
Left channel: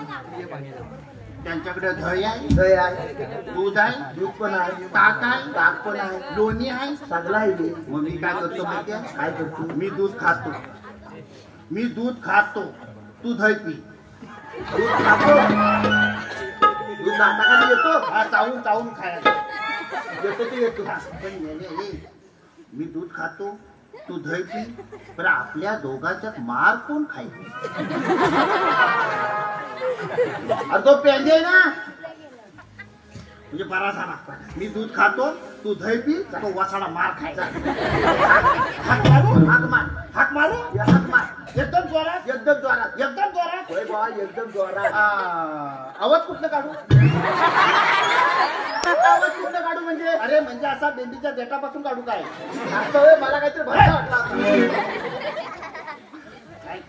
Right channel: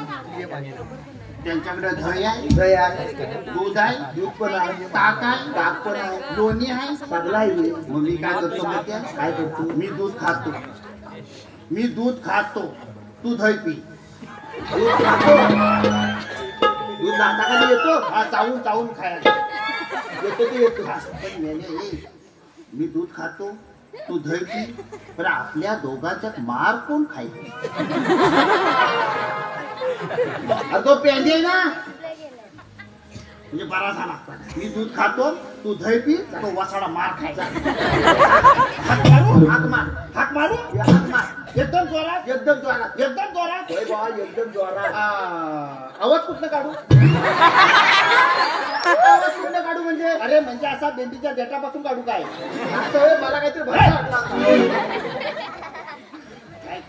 त्यांच्याकडे दही आहे, दही आहे, दूध आहे, दूध पण आहे, ताक आहे, ताक पण आहे, लोणी आहे. सगळं आहे हे. मग मी काय करतो माहिती आहे? काय करतो, मी दूध खातो. मी दूध खातो, तू दही पी. दूध खातो. दूध दाताखाली येतो. हा चावून चावून खायला येतो ते येतो. पण मी दूध खातो, तू दही पी. पण आपल्या दोघांच्यात मार कोण खाईल? तो पेंडे आहे ना, म्हणजे बरा झाला. मी दूध खातो, तू दही पी, तो वसाडा मार खायचा. हाक मारू, हाक मार, हाक मारू, हाक मार. एकदम जोरात एकदम जोरात. एकदम जोरात होय बा एकदम जोरात. आवाज कुठलं काढू आवाज कुठलं काढू म्हणजे अरे म्हणजे असा बेंबीच्या देठापासून काढू काय असं होय, मला काहीतरी भरता वाटला आता. काय?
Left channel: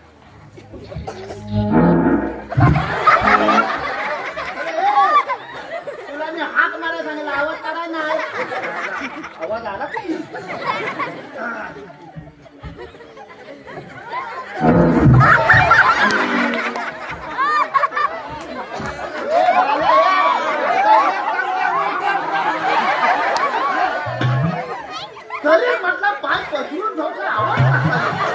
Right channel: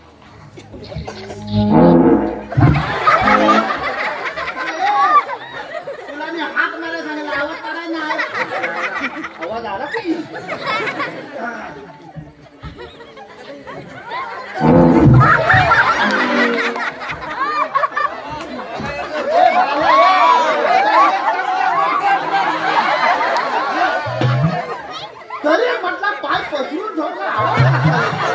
तुला मी हात मारायला सांगितलं, आवाज काढायला नाही. आवाज आला की तरी म्हटलं पाय पसरून ठेवलं, आवाज कसला येतो?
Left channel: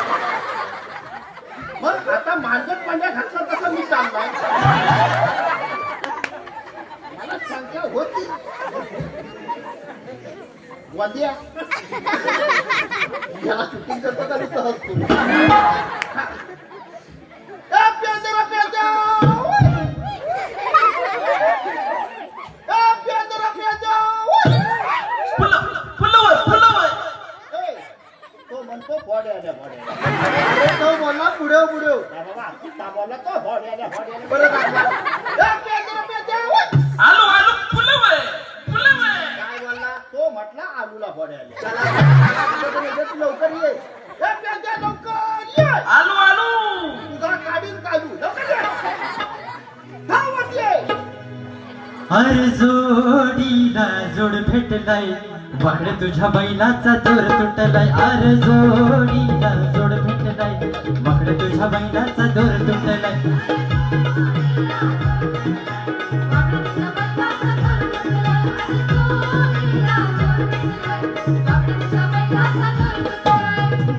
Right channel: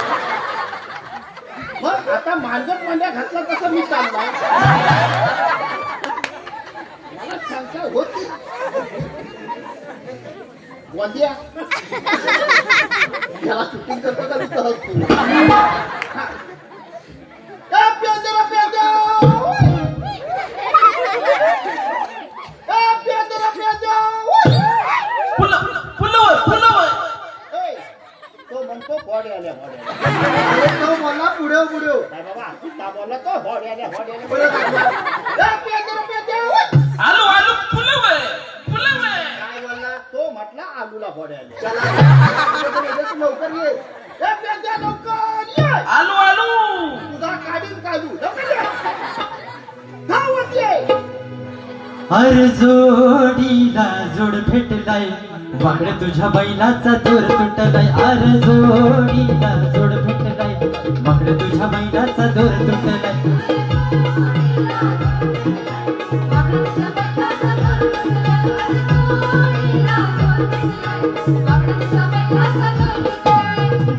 मग आता मार्गत पांड्या घातला तसं मी चाललाय मला शंका होती वाद्या याला शूटिंग करतो का नुसतं हसतो तो म्हणतो फॉडे आल्या अरे तो बोलला पुढे पुढे काय बाबा का बोलला तो फॉडे आल्या बरं दाखवा. काय बोलला तो म्हटला आलूला फॉडे आले चला तू लवकर ये. लवकर ये आलू आलू तुझा काढीन काढू लवकर ये थांब म्हटले अरे जोडीला जोड भेटलाय वाकड तुझ्या बैलाचा दोर तुटलाय. अरे जोडीला जोड भेटलाय वाकड तुझ्या बैलाचा दोर तुटलाय.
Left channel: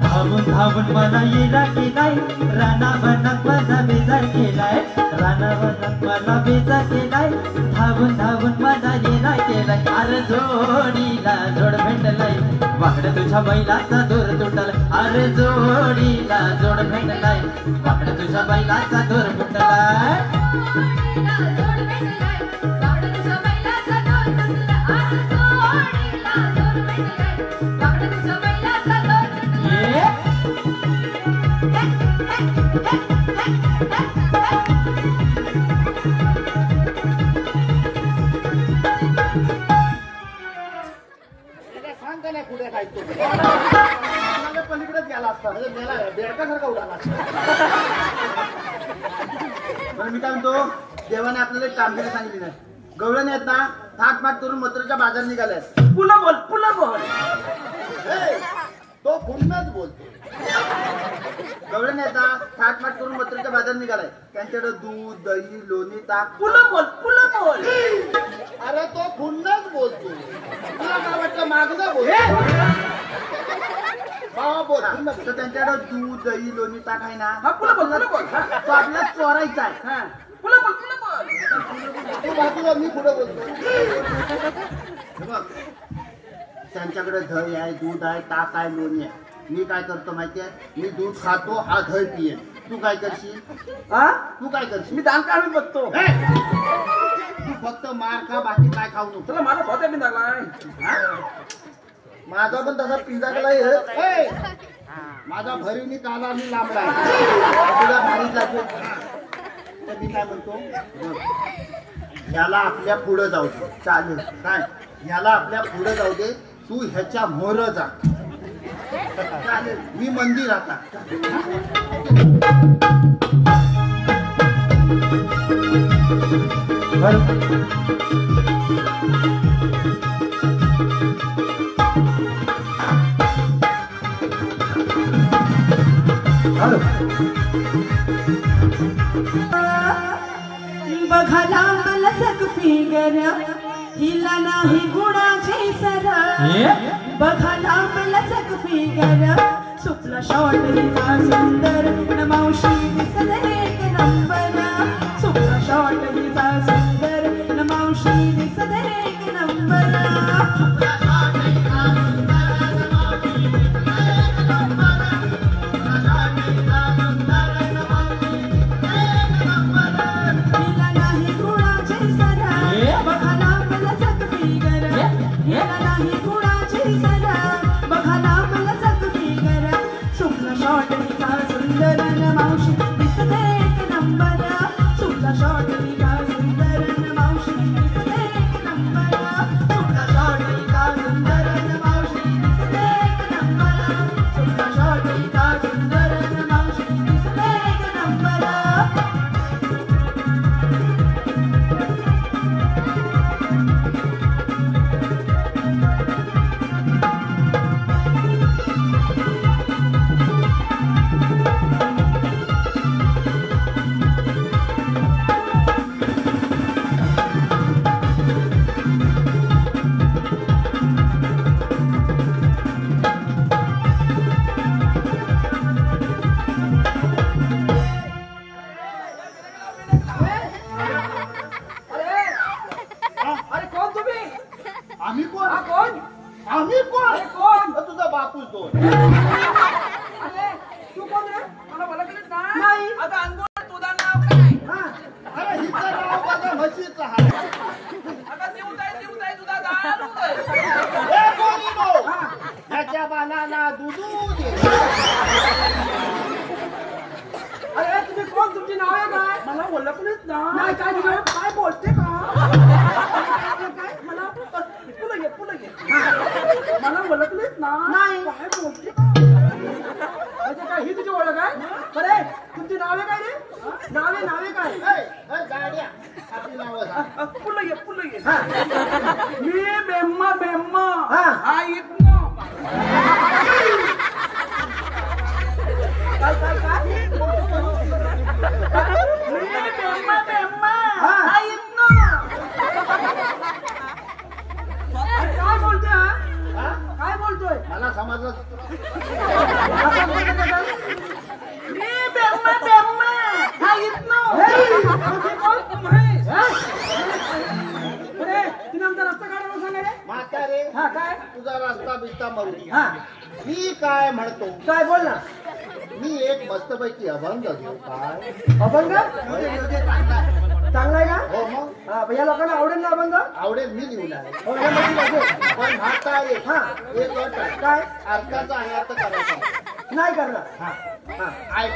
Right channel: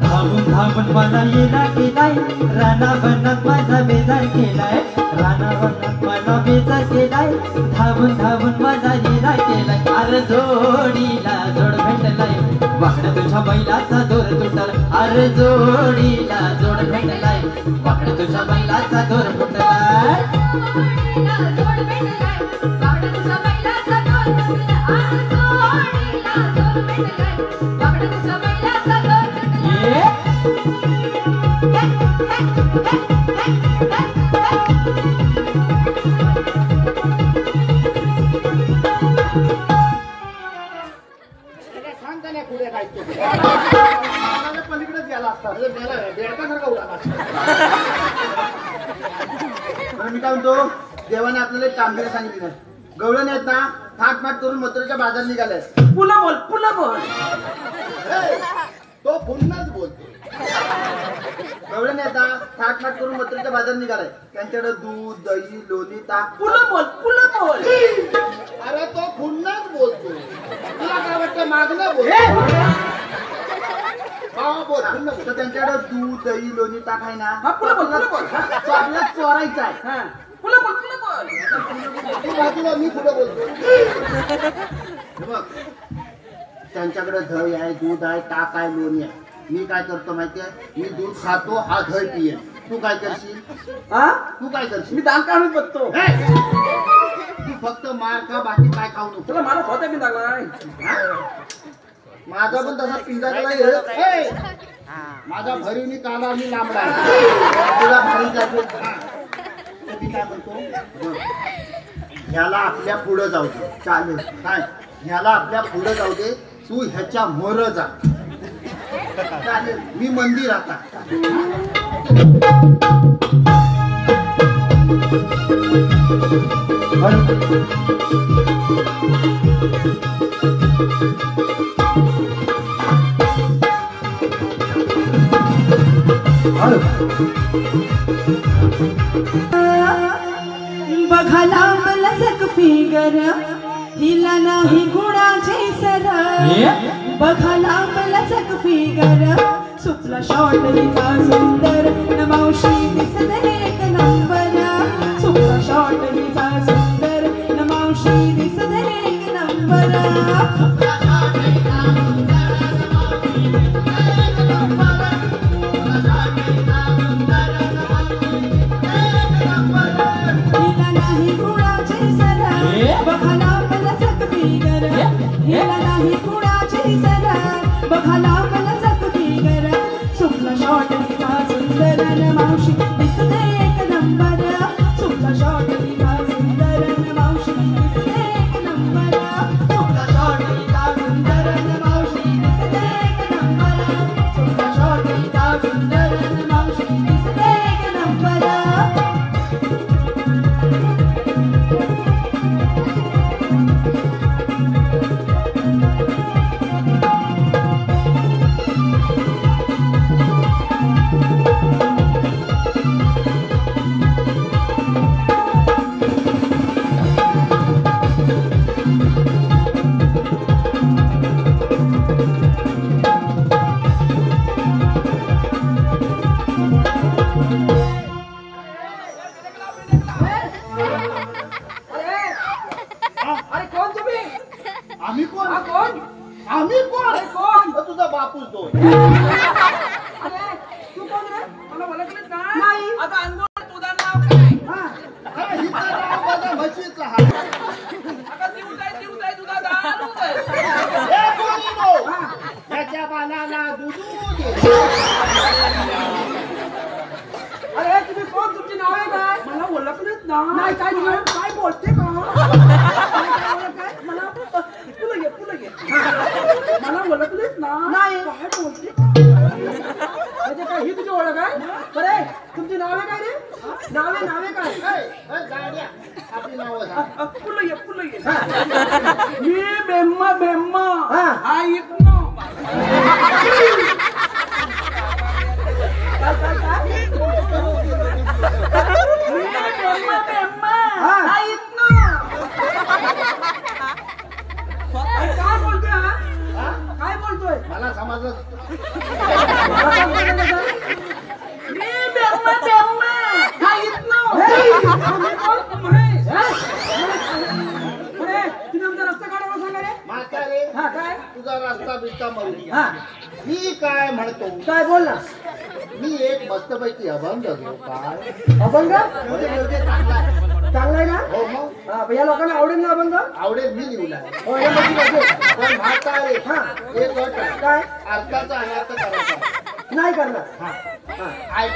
धावून धावून मला येला केलाय रानावनात माझा बेजार केलाय. रानावनात मला बेजार केलाय धावून धावून माझा येला केलाय. अरे जोडीला जोड भेटलाय वाकड तुझ्या बैलाचा दोर तुटलाय. अरे जोडीला जोड भेटलाय वाकड तुझ्या बैलाचा दोर तुटलाय. सांग का नाही पुढे काय तो पलीकडेच गेला असता. अरे मेला बेडकासारखा उडाला बरं मी काय म्हणतो, देवाने आपल्याला एक कामगिरी सांगितली नाही. गवळण आहेत ना थाटमाट करून मथुरेच्या बाजार निघाले. पुन्हा बोल पुन्हा बोल. ए, तो पुन्हाच बोलतो गवळण आहेत ना थाटमाट करून मथुरेच्या बाजार निघालाय. त्यांच्याकडे दूध दही लोणी ताक. पुन्हा बोल पुन्हा बोल. अरे तो पुन्हाच बोलतो तुला काय वाटतं मागणं बोलतो बाबा बोल पुन्हा बोल. तर त्यांच्याकडे दूध दही लोणी ताक आहे ना. हा, पुन्हा बोल, पुन्हा बोल. हा. तो आपल्याला चोरायचा आहे. हा. पुन्हा बोल पुन्हा बोल. तू बाजूला मी पुढे बोलतो हे बघ, त्यांच्याकडे दही आहे दूध आहे ताक आहे लोणी आहे. मी काय करतो माहितीये, मी दूध खातो हा दही पिये. तू काय करशील? हा? तू काय करशील? मी दान काढून बघतो. हे! तू फक्त मार खा बाकी काय खाऊ नको. तुला मला स्वतः बी लागलाय. हा? माझा पण तसा पिंजा केलाय. ए, माझा भरीवनी काला मी लांबलाय तुला भारी लागेल. तर मी काय म्हणतो बघ, ह्याला आपल्या पुढं जाऊ दे. चालेल काय, ह्याला आपल्या पुढं जाऊ दे. तू ह्याच्या मोर जा. चालेल, मी मंदिर आता. बघाला मलसक फिगर हिला नाही गुणाची सर. बघाला मलसक फिगर सुपला शॉट हिचा सुंदर न मावशी दिसत एक नंबर. सुपला शॉट हिचा सुंदर न मावशी दिसत एक नंबर. हिला नाही गुणाची सर. बघाला मलसक फिगर हिला नाही गुणाची सर. बघाला मलसक फिगर सुपला शॉट हिचा सुंदर न आम्ही कोण हा कोण आम्ही कोण अरे कोण तुझा बापूस दोन अरे तू कोण रे मला ओळखलंच नाही आता अंगोळ तुझं नाव काय हा अरे हिचं नाव बघा म्हशीचं आहे आता जीव जाय तुझा दारू आहे. ए कोणी नो त्याच्या बालाला दुधू दे अरे तुम्ही कोण तुमची नाव आहे काय मला ओळखलंच नाही काय तुझं काय बोलते का काय मला पुढे घे मला ओळखलंच ना नाही काय बोलते म्हणजे काय ही तुझी ओळख आहे बरे तुमची नावे काय रे नावे काय ए, गाड्या आपली नावं सांग. पुढे घे हा. मी बेम्मा हा. हा इथनं काय मी बेम्मा हा. हा इथनं काय बोलतोय हा हा? काय बोलतोय मला समजलं असं बोलतोय कसं? मी बेम्मा हा इथनं हे, तुम्ही कोण? महेश. हा? बरे तुम्ही आमचा रस्ता काढायला सांगा रे म्हातारे हा काय तुझा रस्ता बिस्ता मरू हा मी काय म्हणतो काय बोल ना मी एक मस्तपैकी अभंग घेऊ काय अभंग चांगला आहे ना हो मग हा पण या लोकांना आवडेल ना अभंग आवडेल मी लिहलाय हो हे मध्ये पाहिजे पण म्हातारे हा. एक अट आहे. काय अर्थाचा अनर्थ करायचा नाही करणार हा, ऐक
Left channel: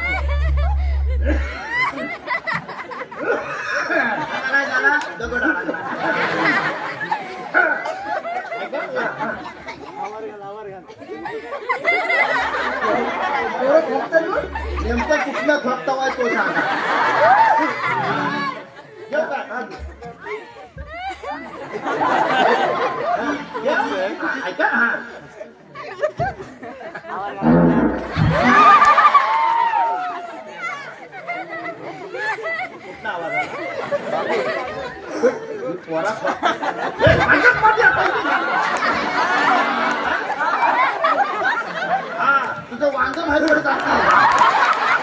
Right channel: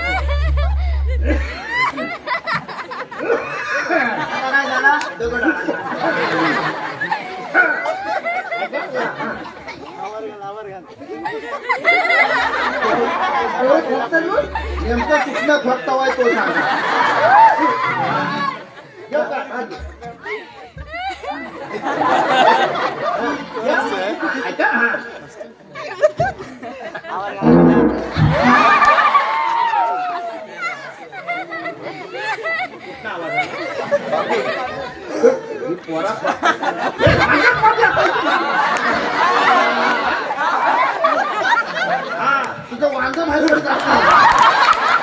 आता काय झाला दगड आणला. एवढं खेळतात मग? नेमकं कुठलं फक्त वाय तो सांगा घेऊ का? हा, घे. घे. ऐका हा कुठला आवाज आला? ही पोरा हा तुझं वांग बाहेर पडत असतं.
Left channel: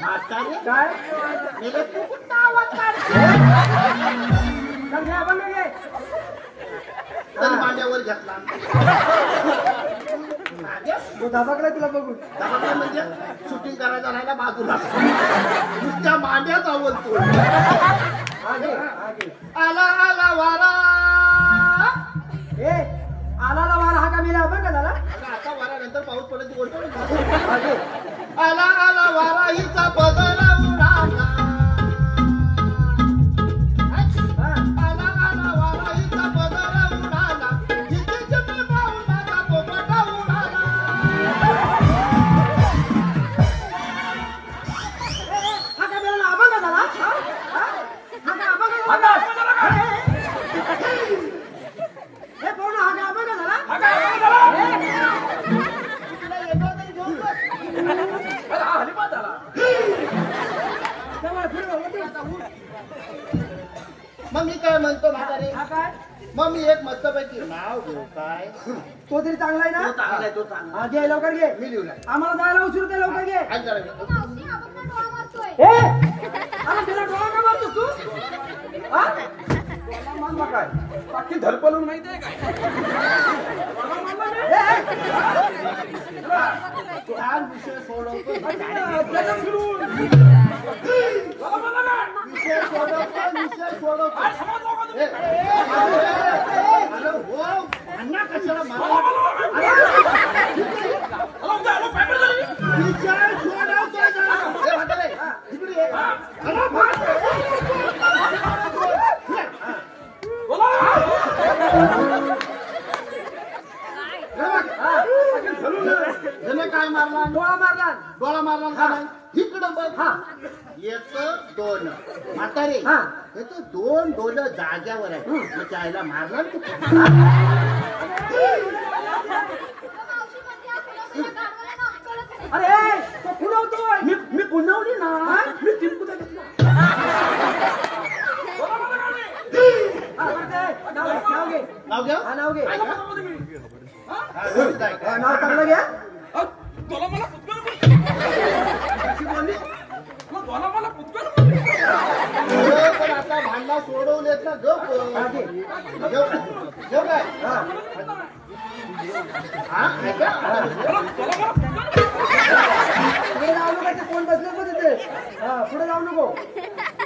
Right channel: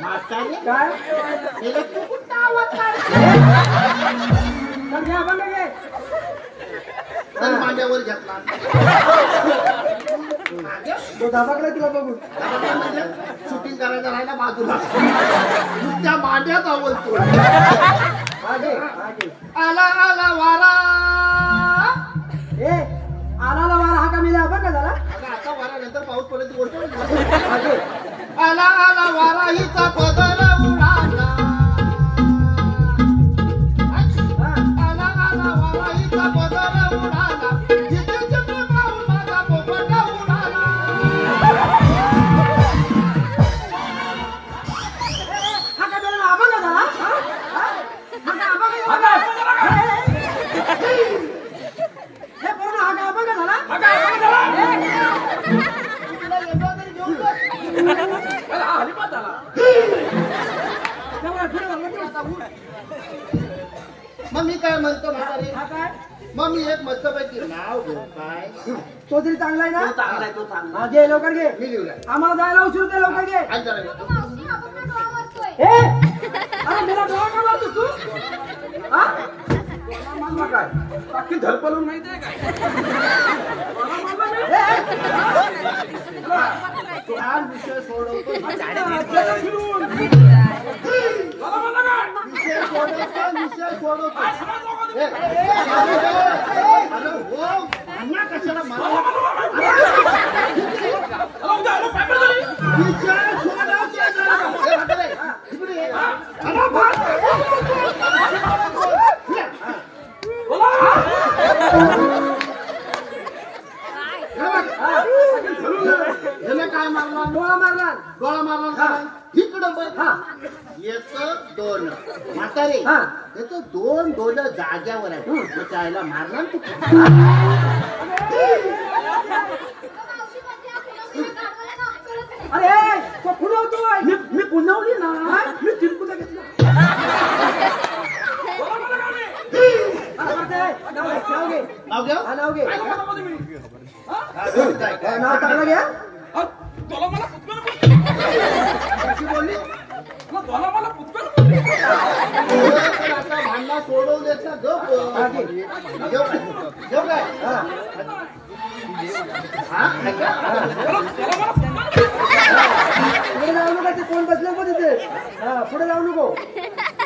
म्हातारे काय मेलं तू कुठला आवाज काढते? चल घे अभंग घे चल मांड्यावर घेतला तो दाबाकला तुला बघून दबाकडे म्हणजे शूटिंग करायचं राहिला बाजूला नुसत्या मांड्यात आवडतो हा घे आला आला वारा ए आला वारा हा का मिला अभंग झाला अगं, आता वाऱ्यानंतर पाऊस पडत गोष्ट हा घे आला आला वारा हिचा पदर उडाला हा आला आला वारा हिचा पदर उडाला हिचे चक्र पाहून माझा पोपट उडाला हा काय मिळाला अभंग झाला हा? हा? हा काय अभंग झाला हे पूर्ण हा काय अभंग झाला तुला येतो तरी घेऊन जा. हरिपात झाला जवळ पुढे वळलं की आता उठ. मग मी काय म्हणतो म्हातारे हा काय मग मी एक मस्तपैकी नाव घेऊ काय तो तरी चांगला आहे ना चांगला आहे तो चांगला हा घे लवकर घे मी लिहलाय आम्हाला जायला उशीर होते लवकर घे ऐक जरा ए अरे मेरा डोळा का मारतोस तू हा मारला काय बाकी धरपलून माहिती आहे काय ए, आज विषय सोडवतो जगत फिरून. विषय सोडवतो ए, अरे हो अन्ना कशाला मला विषय सोडवतोय जरा. ए, म्हातारे, इकडे ये. अरे म्हातारे. ह्याने काय मारला डोळा मारला डोळा मारला का नाही? इकडं बघ हा येत दोन म्हातारे हा. येत दोन जाग्यावर आहे त्याच्या आईला मारला ना तू. अरे तो खुणवतोय मी पुण्यवली ना मी टिंपूचा घेतला नाव घे नाव घ्या हा नाव घे हा, व्यवस्थित आहे. नाव चांगलं घ्या तुला मला झोप हा, घे. जेव काय जेव काय हा. हा ऐका पुढे जाऊ नका ते कोण बसलं पण तिथे हा पुढे जाऊ नको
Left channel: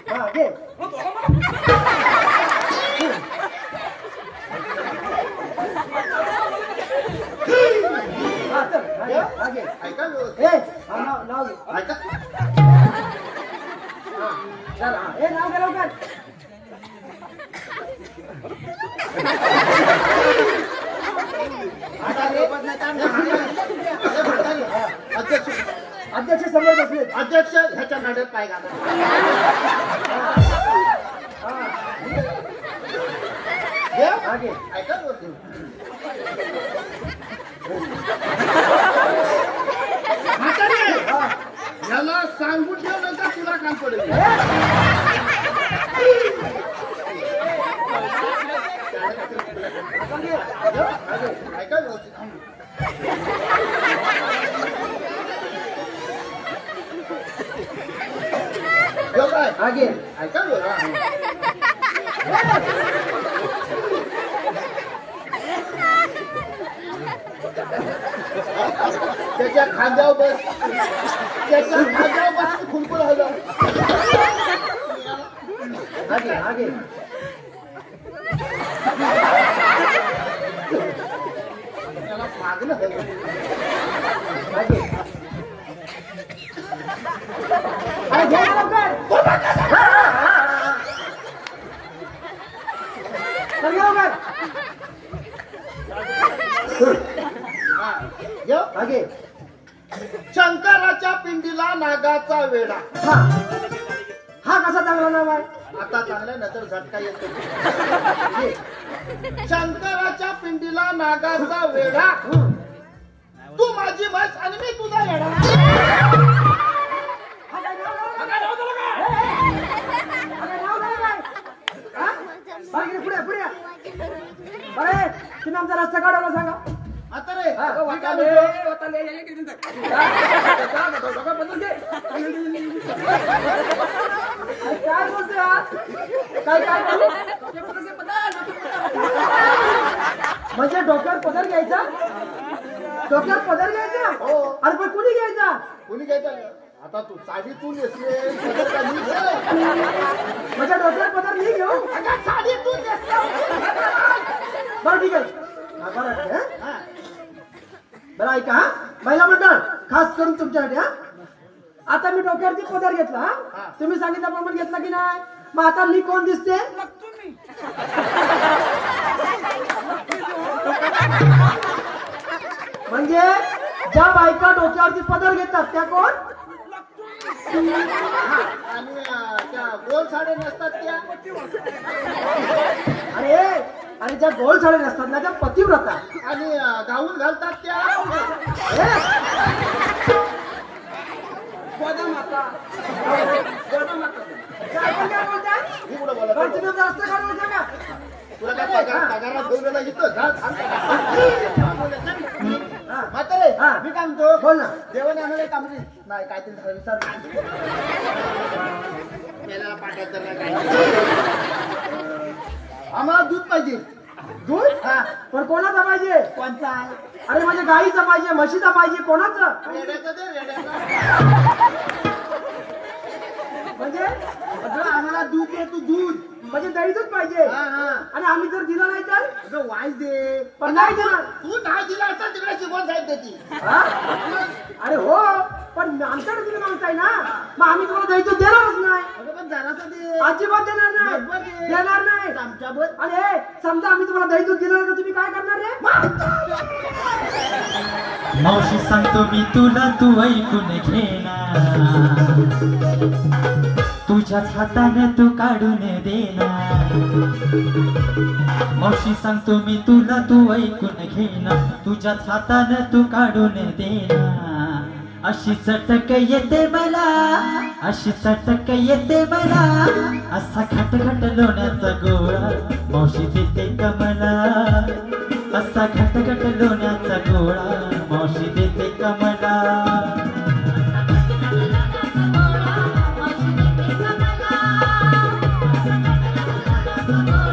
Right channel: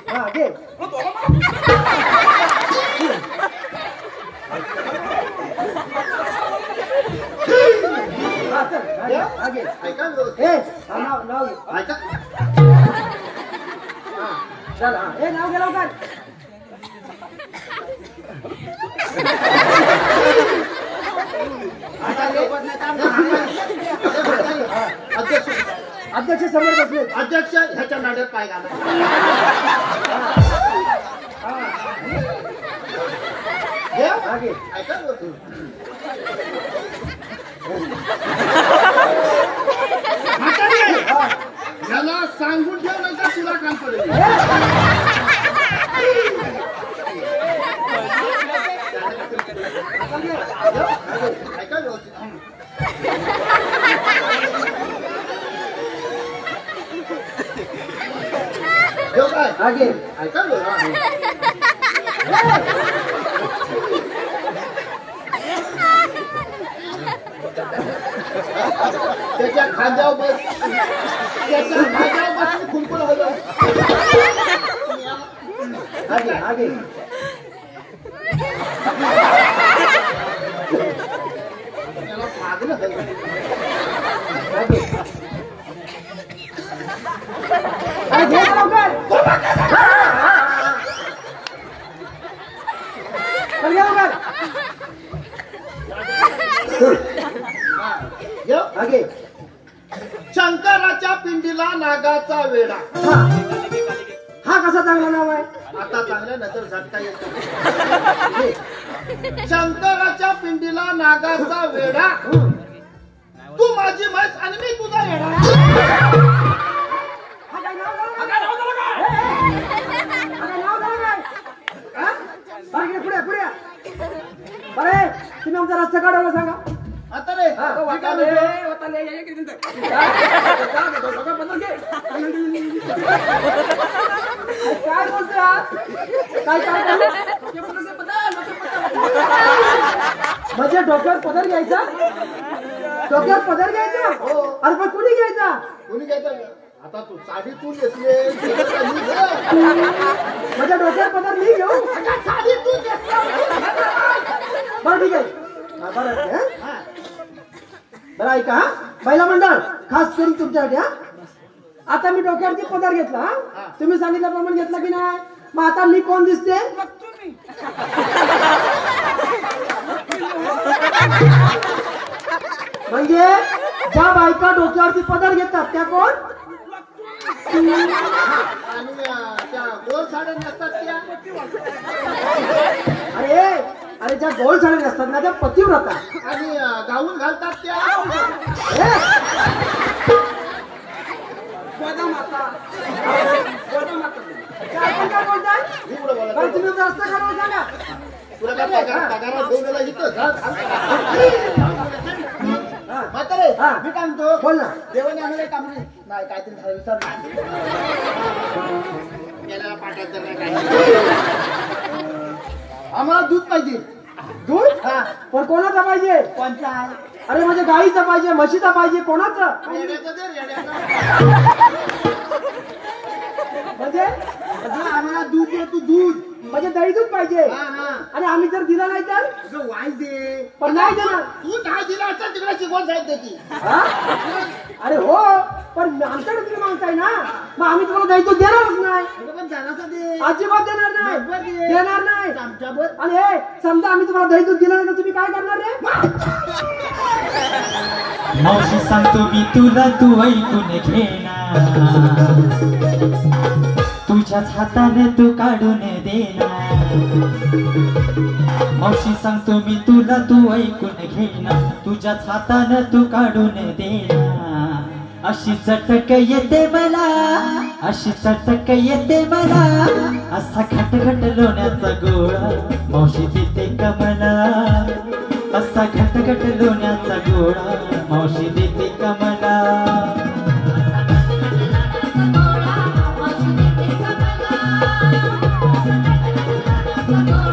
हा घे हा चल हा घे ऐका व्यवस्थित. ए हा, नाव घे ऐका हा चल हा ए नाव घे लवकर अध्यक्ष अध्यक्ष समोर बसले अध्यक्ष ह्याच्या नाड्यात पाय घाला हा घे ऐका व्यवस्थित. म्हातारी आहे. हा याला सांगून ठेव नंतर तुला काम पडेल ऐका व्यवस्थित. जेव काय हा घे ऐका व्यवस्थित. त्याच्या खांद्यावर बस त्याच्या खांद्यावर बस खुलकुल हलव हा घे त्याला मागणं हलव हा घे अरे घे ना लवकर चल घे लवकर जेव. हा घे शंकराच्या पिंडीला नागाचा वेडा हा हा कसा चांगला नाव आहे आता चांगल्या नंतर झटका येतो शंकराच्या पिंडीला नागाचा वेडा तू माझी म्हैस आणि मी तुझा वेडा हा काय नाव झालं काय? हा काय नाव झालं काय? हा? हा, इकडे पुढे पुढे या. बरं तुम्ही आमचा रस्ता काढवला सांगा आता रे हा, मी काय म्हणतो? काय बोलतोय काय काय म्हणजे डोक्यावर पदर घ्यायचा डोक्यावर पदर घ्यायचा अरे पण कुणी घ्यायचा कोणी घ्यायचं आता तू साडी तू नेसली माझ्या डोक्यावर पदर मी घेऊ साडी तू नेसली. बरं ठीक आहे हा, बरं ठीक आहे हा. बरं ऐका हा महिला मंडळ खास करून तुमच्यासाठी हा आता मी डोक्यावरती पदर घेतला हा तुम्ही सांगितल्याप्रमाणे घेतला की नाही मग आता मी कोण दिसते म्हणजे ज्या बायका डोक्यावरती पदर घेतात त्या कोण आणि त्या गोल साड्या नसतात त्या अरे अरे ज्या गोल साड्या नसतात ना त्या पतिव्रता आणि गाऊन घालतात त्या अरे, काय आपण काय बोलताय ही पुढं बोला. बरं, तुम्ही आता रस्ता काढून सांगा तुला काय पगारात घेऊन गेला इथं म्हातारे हा. मी काय म्हणतो बोल ना देवाने आम्हाला एक आम्ही नाही काहीतरी झालं विचार मेल्याला पाठवायचं नाही काही आम्हाला दूध पाहिजे दूध हा पण कोणाचा पाहिजे कोणचा आहे अरे म्हणजे गाईचं पाहिजे म्हशीचं पाहिजे कोणाचं रेड्याचं दे रेड्याचं म्हणजे अगं, आम्हाला दूध दे तू दूध म्हणजे दही दूध पाहिजे हा हा आणि आम्ही जर दिला नाही तर अगं वाईस दे पण नाही देणार तू नाही दिला असता तिकडे शिकवण जायचं त्याची हा? अरे हो पण आमच्याकडे तुम्ही मागताय ना मग आम्ही तुम्हाला दही दूध देणारच नाही अगं पण जरासं दे अजिबात देणार नाही बरोबर दे. देणार नाही चमचाभर आणि हे समजा आम्ही तुम्हाला दही दूध दिलं नाही तर तुम्ही काय करणार रे मावशी सांगतो मी तुला तू ऐकून घेणार तुझ्याच हाताने तू काढून देणार मावशी सांगतो मी तुला तू ऐकून घेणार तुझ्याच हाताने तू काढून देणार अशी चटक येते मला अशी चटक येते मला असा खटखट लोण्याचा गोळा मावशी देते कमला असा खटखट लोण्याचा गोळा मावशी देते कमला मावशी देते कमला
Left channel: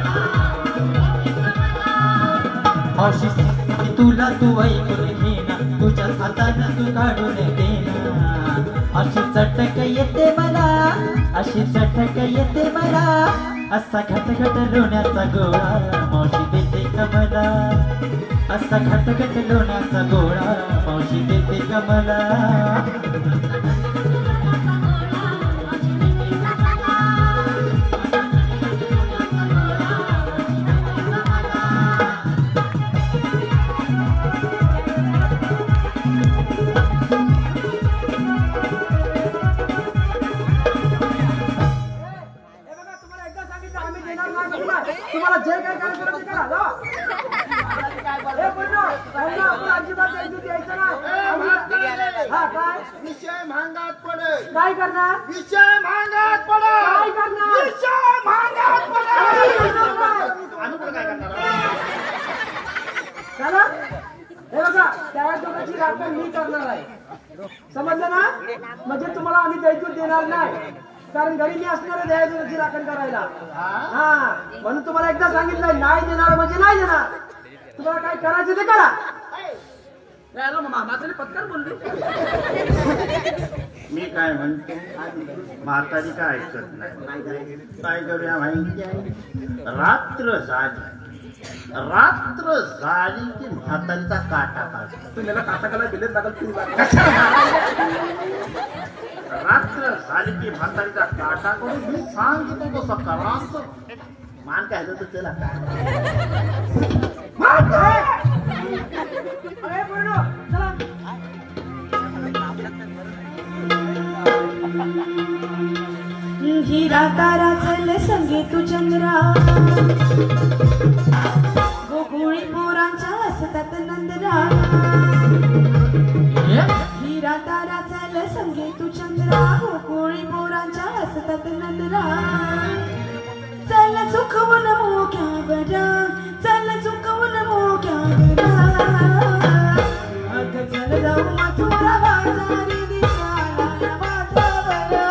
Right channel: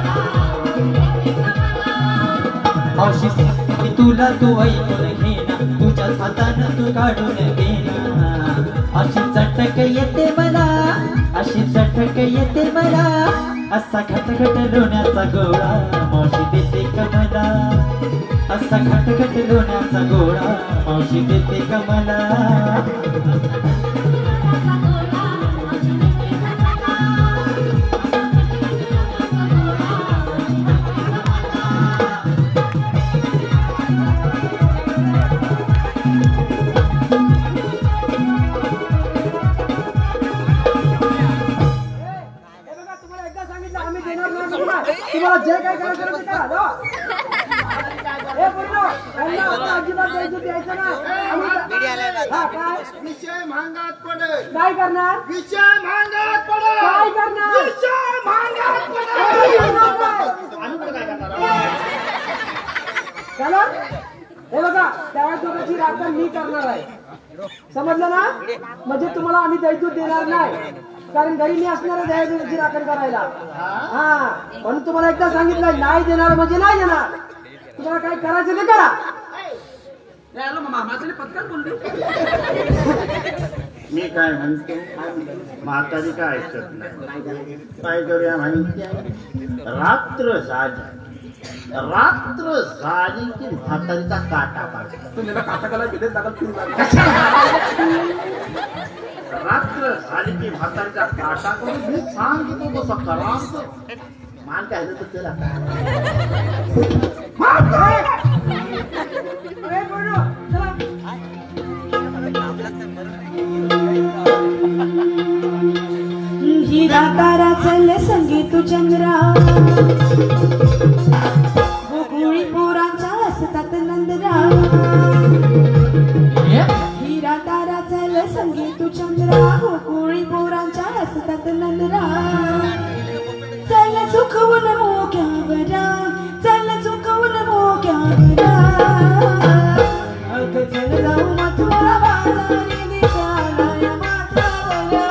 की तुला तू ऐकून घेना, तुझ्या हातानं तू काढून देना. अशी चटक येते मला, अशी चटक येते मला, असा खटखट लोण्याचा गोळा मावशी देते कमला. असा खटखट लोण्याचा गोळा मावशी देते कमला. तुम्हाला जे काय करायचं ते करा जा. हे पोरीनो, यांना आपण अजिबात द्यायचं नाही. हा काय विषय महागात पडेल. काय करणार? विषय महागात पडेल. काय करणार? विषय महागात पडेल. चला हे बघा, त्यावेळेस दोघांची राखण मी करणार आहे, समजलं ना? म्हणजे तुम्हाला आम्ही दैत्यूत देणार नाही, कारण घरी मी असणार आहे दयाची राखण करायला. हा म्हणून तुम्हाला एकदा सांगितलं, नाही देणार म्हणजे नाही देणार. तुम्हाला काय करायचं ते करा. माझं पत्कार बोलली. मी काय म्हणतो, म्हातारी काय ऐकत नाही. काय करूया माहिती आहे? रात्र झाली की म्हातारीचा काटा काढतो. तू त्याला काटाकाला बिलेत दाखल फिरू रात्र झाली की म्हातारीचा काटा करून मी सांगितलं तसं करा. मान काय तर त्याला अरे पोरीनो, चला. हिरा तारा चल संगीत चंद्रा, गोकुळी पोरांच्या हसतात नंदरा. हिरा तारा चल संगीत चंद्रा, गोकुळी पोरांच्या हसतात नंदरा. चल चुकवून मोक्यावरा, चल चुकवून मोक्यावरा. अग चल जाऊ मथुरा बाजारी दिसाला माथ्यावरा.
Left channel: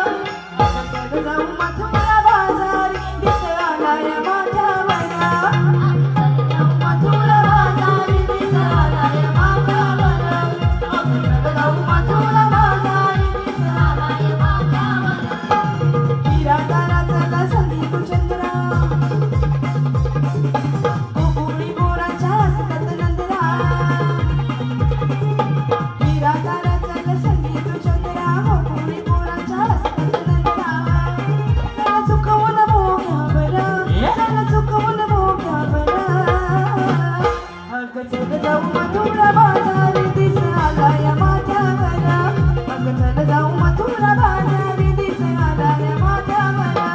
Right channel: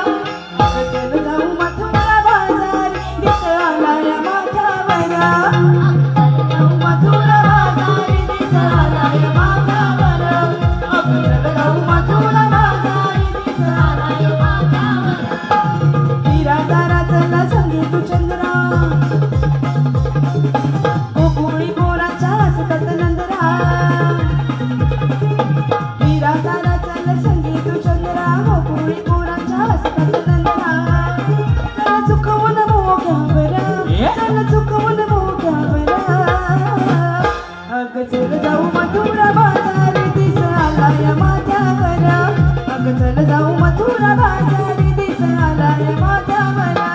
अग चल जाऊ मथुरा बाजारी दिसाला माथ्यावरा. मथुरा बाजारी दिसाला माथ्यावरा. अग चल जाऊ मथुरा बाजारी दिसाला माथ्यावरा. हिरा तारा चल संगीत चंद्रा, गोकुळी पोरांच्या हसतात नंदरा. हिरा तारा चल संगीत चंद्रा, गोकुळी पोरांच्या हसतात नंदरा. चल चुकवून मोक्यावरा, चल चुकवून मोक्यावरा. अग चल जाऊ मथुरा बाजारी दिसाला माथ्यावरा. अग चल जाऊ मथुरा बाजारी दिसाला माथ्यावरा.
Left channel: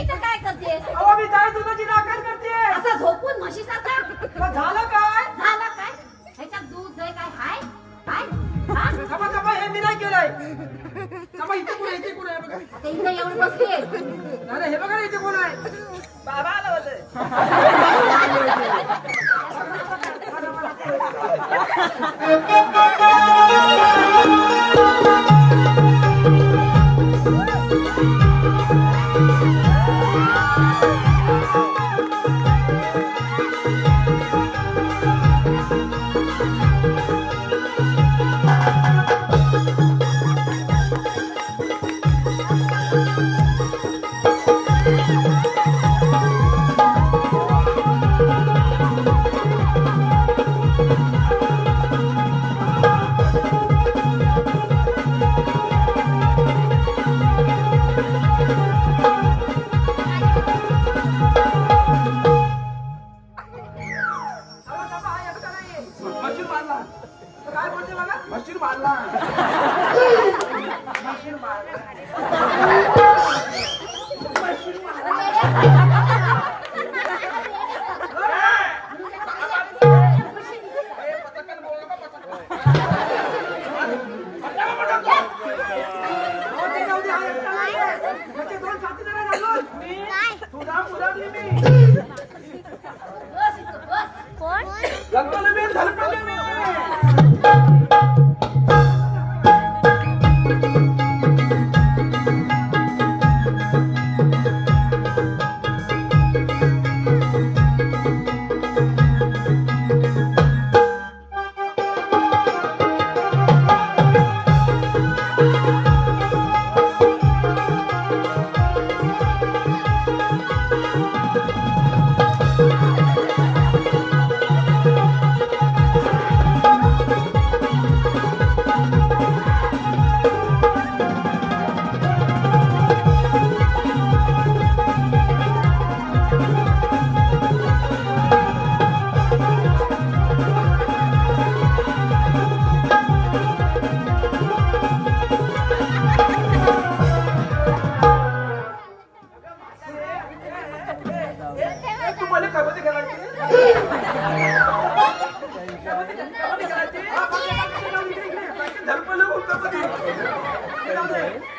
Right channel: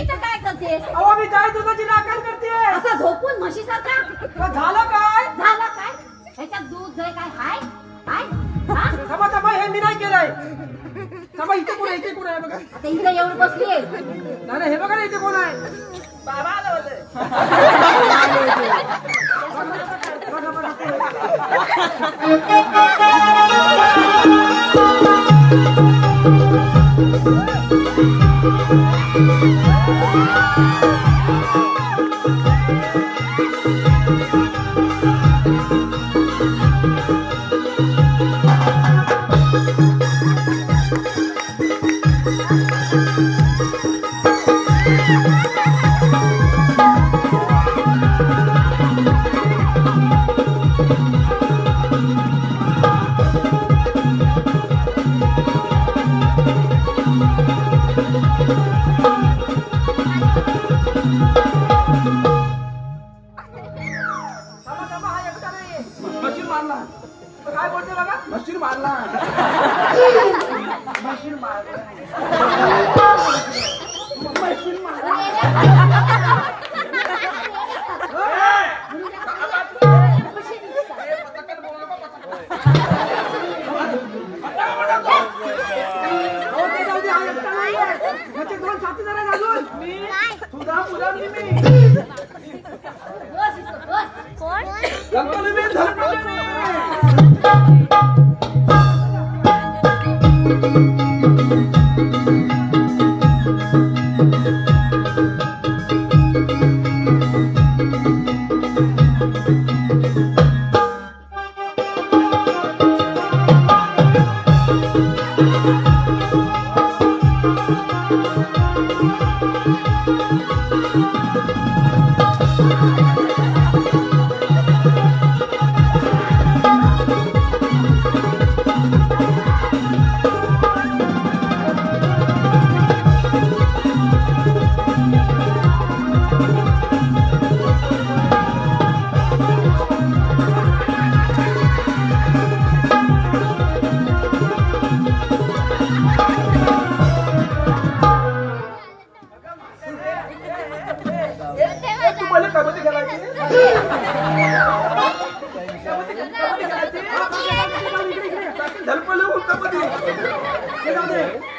इथं काय करतेस? अहो मी काय दुधाची राखण करते. असं झोपून म्हशीसारखा? झालं काय? झालं काय? ह्याच्यात दूध जाय काय हाय? काय? हा? थांबा थांबा हे मी नाही केलंय. थांबा इथे कोण आहे? इथे कोण आहे बघा. आता इथं येऊन बसलीये. नाही हे बघा ना इथे कोण आहे. बाबा आलं होतं. मशीन मारला. काय बोलते बघा? मशीन मारला. मशीन मारला. मशीन त्याचे दोन साथीदार आहेत अजून. तुझा मुला मी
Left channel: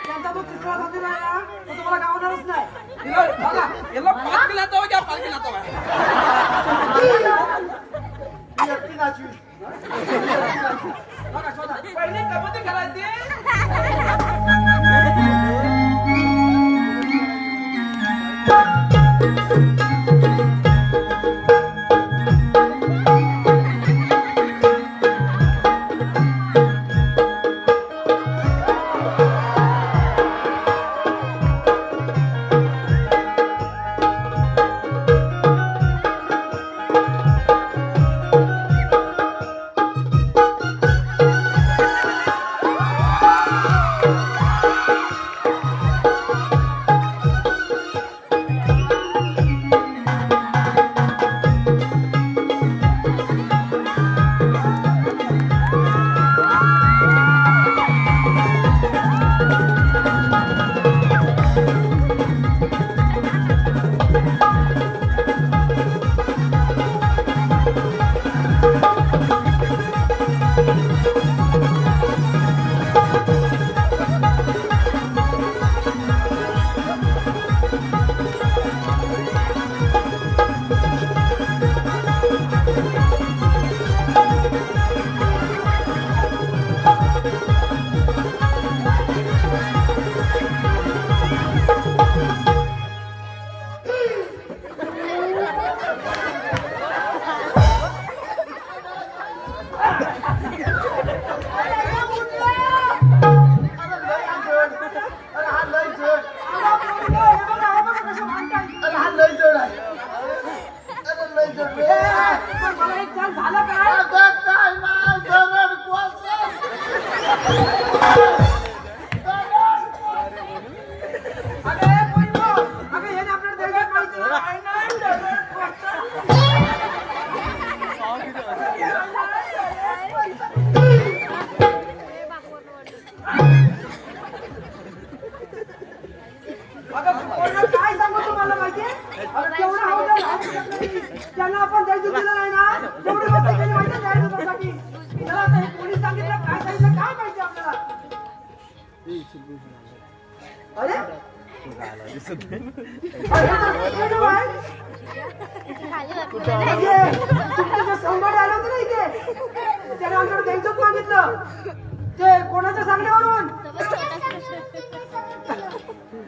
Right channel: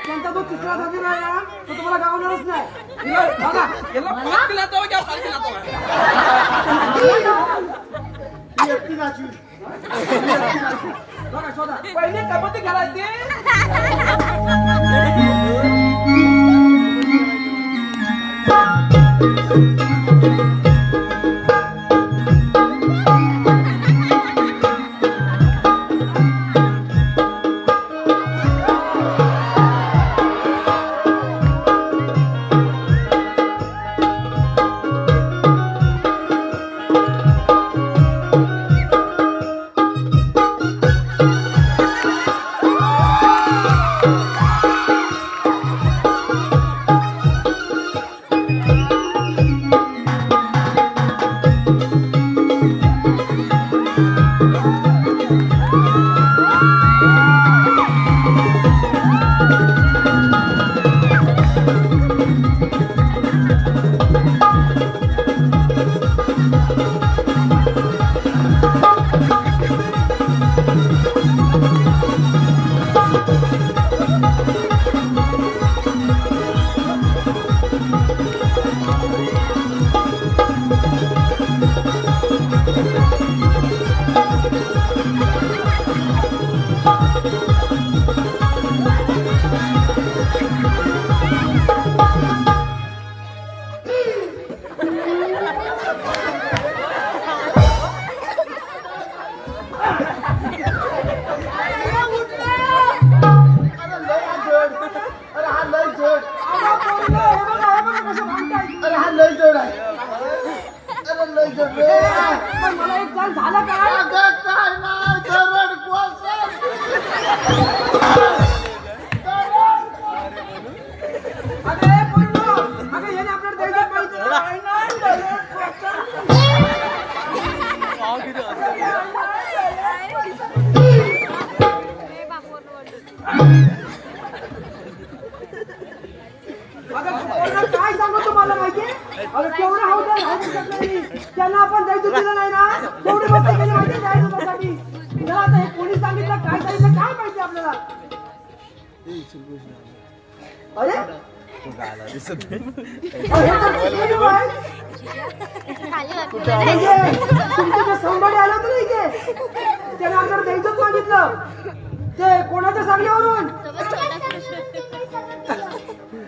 त्यांचा तो तिसरा साथीदार आहे ना, तो तुम्हाला गावणारच नाही. याला पाच दिलातो क्या पाच दिलातो बघा शोधा. पहिले कबड्डी खेळायची. काय सांगू अरे केवढं त्यांना आपण द्यायचं दिलं नाही ना तेवढी गोष्ट केली माहिती द्यायसाठी त्याला आता हे कोणी सांगितलं काय सांगितलं काय माहिती आपल्याला अरे तुमच्या संभाजी आला होतं ना इथे त्याला आमच्याकडे द्यायचंच मागितलं ते कोणाच्या सांगण्यावरून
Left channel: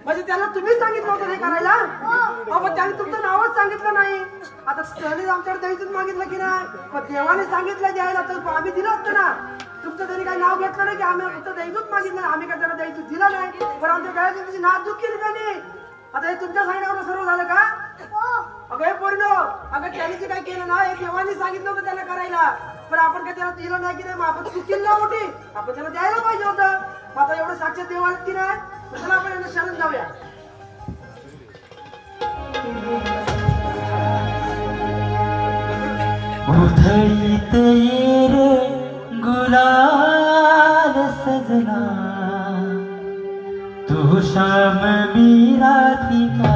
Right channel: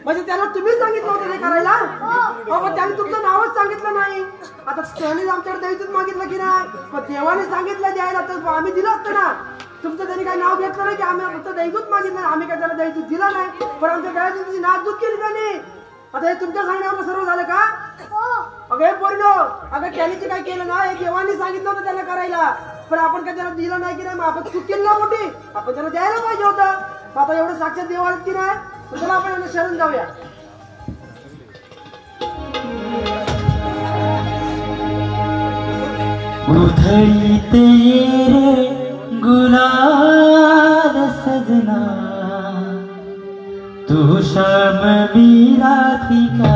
म्हणजे त्याला तुम्ही सांगितलं होतं हे करायला पण त्याने तुमचं नावच सांगितलं नाही आता त्याने आमच्याकडे द्यायचंच मागितलं की नाही पण देवाने सांगितलं द्यायला तर आम्ही दिलं असतं ना तुमचं त्यांनी काही नाव घेतलं नाही की आम्ही फक्त द्यायचंच मागितलं आम्ही काय त्याला द्यायचं दिलं नाही पण आमच्या गळ्यात तुमची नाचूक केली त्याने आता हे तुमच्या सांगण्यावर सर्व झालं का अगं हे पोरीनो अगं त्याने जे काय केलं ना हे देवाने सांगितलं होतं त्याला करायला पण आपण काय त्याला दिलं नाही की नाही आपण चूक केली ना मोठी आपण त्याला द्यायला पाहिजे होतं आता एवढं साक्षात देवाला की नाही तर त्याला आपण शरण जाऊया उधळीत रे गुलाल सजना तू शाम मीरा थिका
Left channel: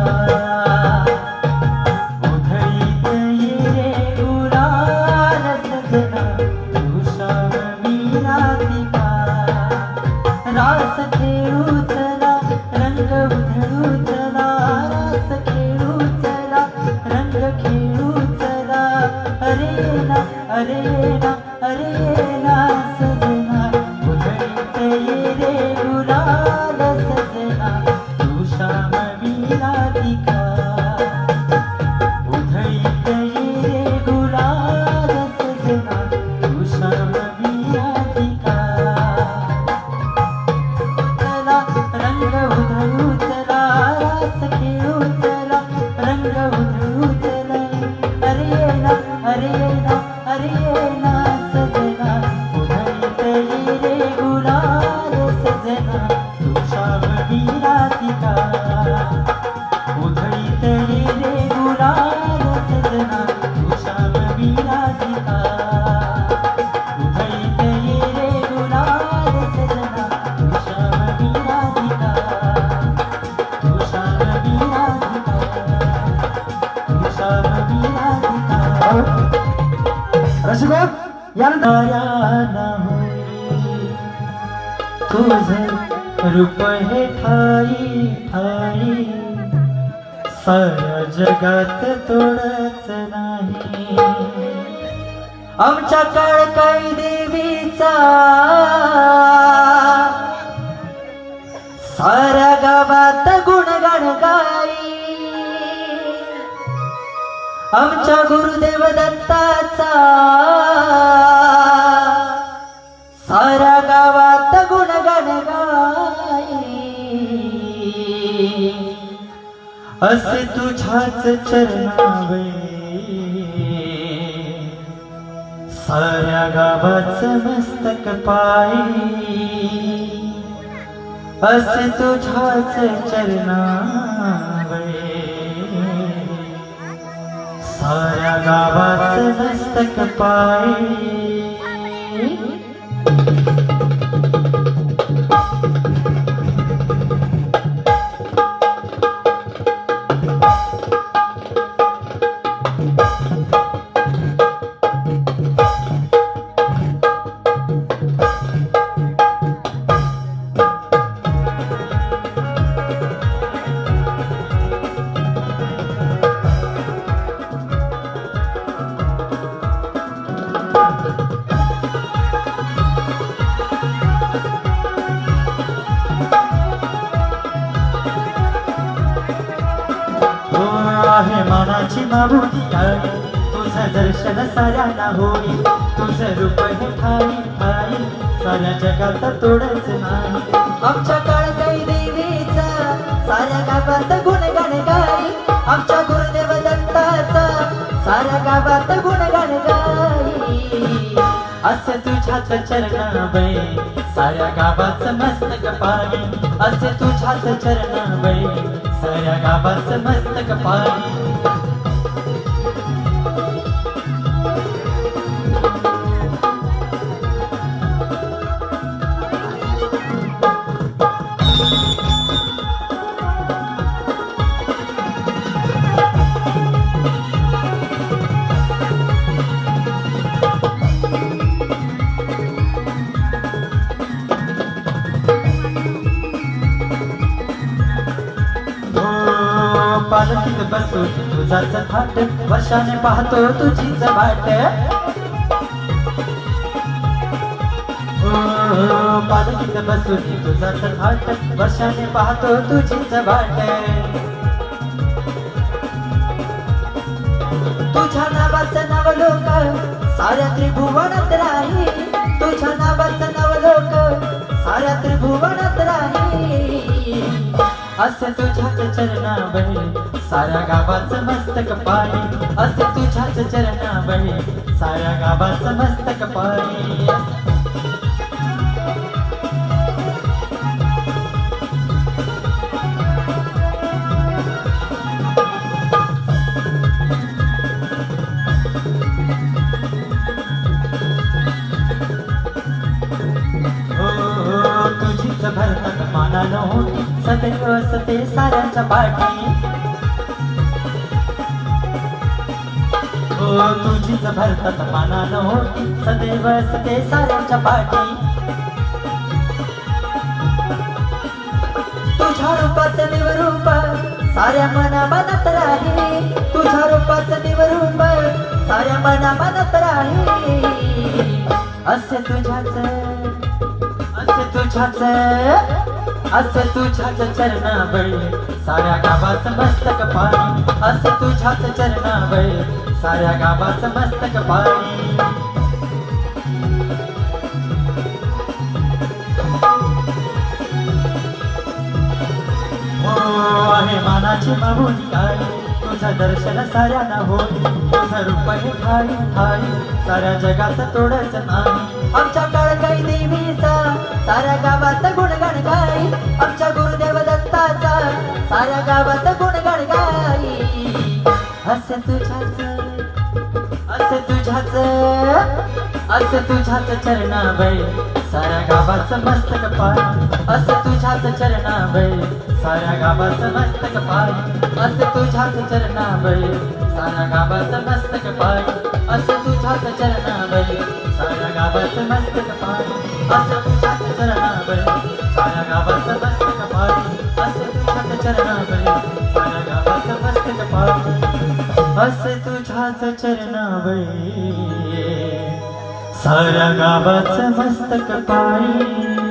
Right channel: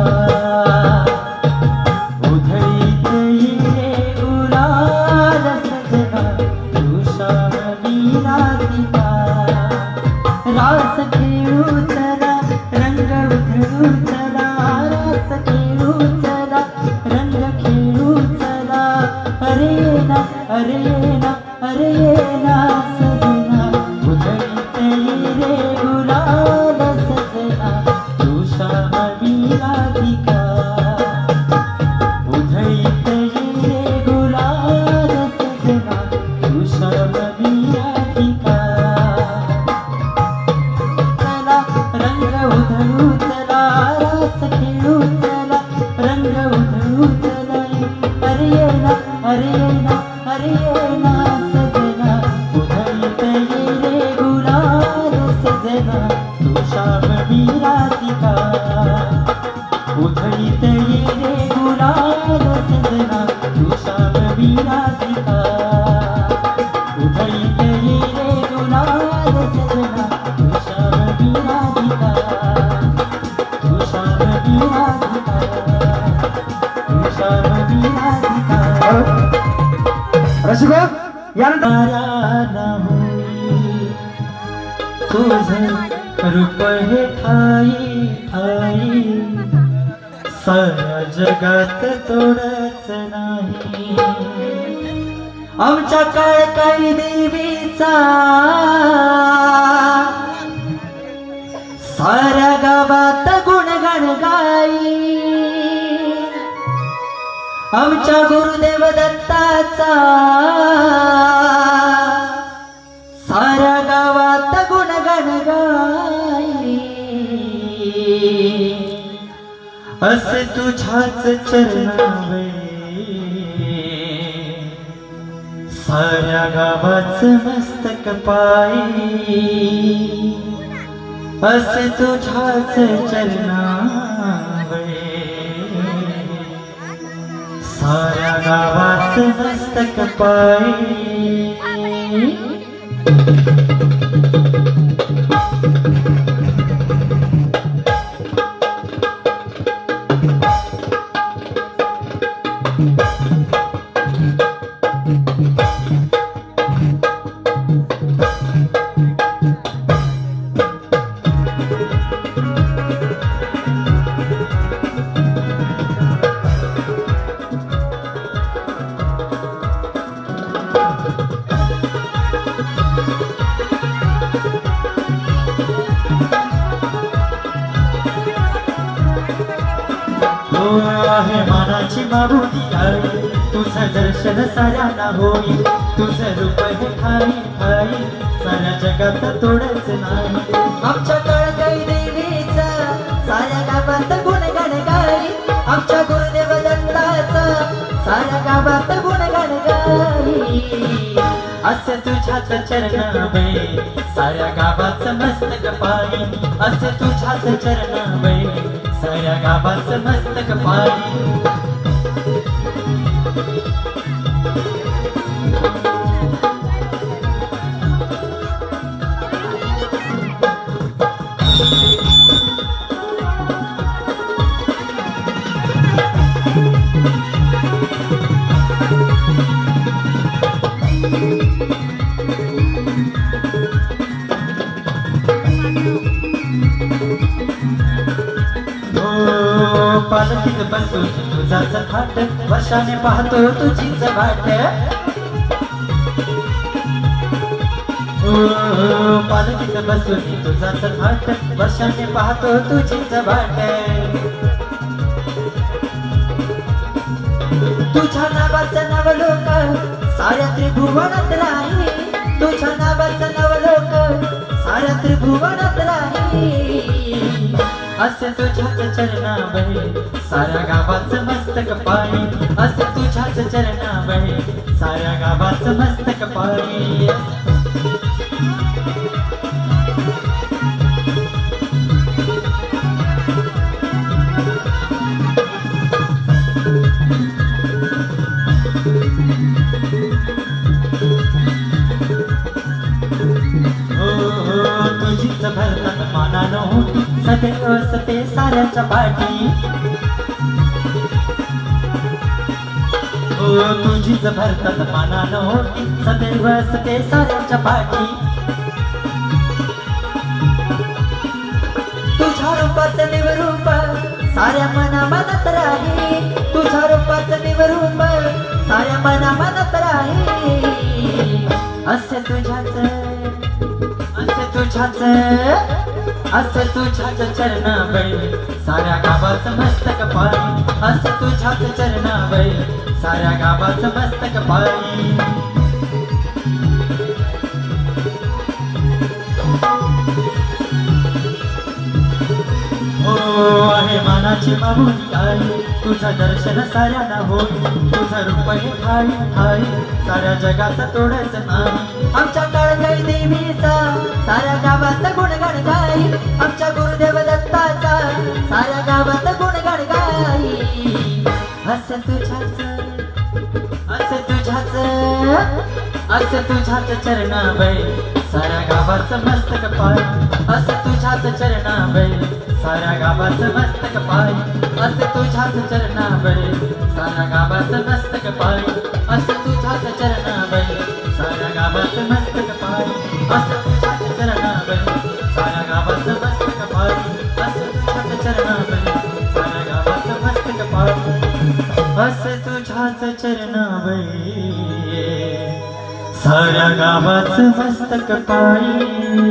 उधळीत रे गुलाल सजना तू शाम मीरा थिका रास खेळू चला रंग उधळू चला रास खेळू चला रंग खेळू चला अरे ना सजना उधळीत रे गुलाल सजना तू शाम मीरा थिका उधळीत रे गुलाल सजना तू शाम मीरा थिका चला रंग उधळू चला रास खेळू चला रंग उधळू चला अरे ना सजना उधळीत रे गुलाल सजना तू शाम मीरा थिका उधळीत रे गुलाल सजना तू शाम मीरा थिका उधळीत रे गुलाल सजना तू शाम मीरा थिका तू शाम मीरा थिका तू शाम मीरा थिका रसिको यानंतर तुझं रूप हे ठाई ठाई साऱ्या जगात तोडच नाही आमच्या काळकाई देवीचा साऱ्या गावात गुणगण गाई आमच्या गुरुदेव दत्ताचा साऱ्या गावात गुणगण गाई असे तुझ्याच चरणावे साऱ्या गावाच मस्तक पायी असे तुझ्याच चरणावे साऱ्या गावाच मस्तक पायी आहे मानाची मारुती आहे तुझं दर्शन साऱ्यांना होई तुझं रूप हे ठाई ठाई साऱ्या जगात तोडच नाही आमच्या काळकाई देवीचा साऱ्या गावात गुणगण गाई आमच्या गुरुदेव दत्ताचा साऱ्या गावात गुणगण गाई असे तुझ्याच चरणावे साऱ्या गावात मस्तक पायी असे तुझ्याच चरणावे साऱ्या गावात मस्तक पायी पालखीत बसून तुझाच थाट वर्षाने पाहतो तुझीच वाट पालखीत बसून तुझाच थाट वर्षाने पाहतो तुझीच वाट तुझ्या नावाचं नवलोक साऱ्या त्रिभुवनात राही तुझ्या नावाचं नवलोक साऱ्या त्रिभुवनात राही असे तुझ्याच चरणाबळे साऱ्या गावाचं मस्तक पाणी असे तुझ्याच चरणाबळे साऱ्या गावाचं मस्तक पाणी तुझीच भरतात मनानं होती सदैव असते साऱ्याच्या पाठी तुझीच भरतात मनानं होती सदैव असते साऱ्याच्या पाठी तुझ्या रूपाचं निवरूप साऱ्या मना मनात राही तुझ्या रूपाचं निवरूप साऱ्या मना मनात राही असे तुझ्याच चरणाबळे साऱ्या गावाचं मस्तक पाणी असं तुझ्याच चरणाबळे साऱ्या गावाचं मस्तक पाणी आहे मानाची मागून काय तुझं दर्शन साऱ्यांना होई तुझं रूप हे ठाई ठाई साऱ्या जगाचं तोडच नाही आमच्या कळकळी देवीचा साऱ्या गावात गुणगाण गाई आमच्या गुरुदेव दत्ताचा साऱ्या गावात गुणगाण गाई असं तुझ्याच चरणाबळे साऱ्या गावाचं मस्तक पाणी असं तुझ्याच चरणाबळे साऱ्या गावाचं मस्तक पाणी असं तुझ्याच चरणाबळे साऱ्या गावाचं मस्तक पाणी असं तुझ्याच चरणाबळे साऱ्या गावाचं मस्तक पाणी असं तुझ्याच चरणाबळे साऱ्या गावाचं मस्तक पाणी असं तुझ्याच चरणाबळे साऱ्या गावाचं मस्तक पाणी असं तुझ्याच चरणाबळे साऱ्या गावाचं मस्तक पाणी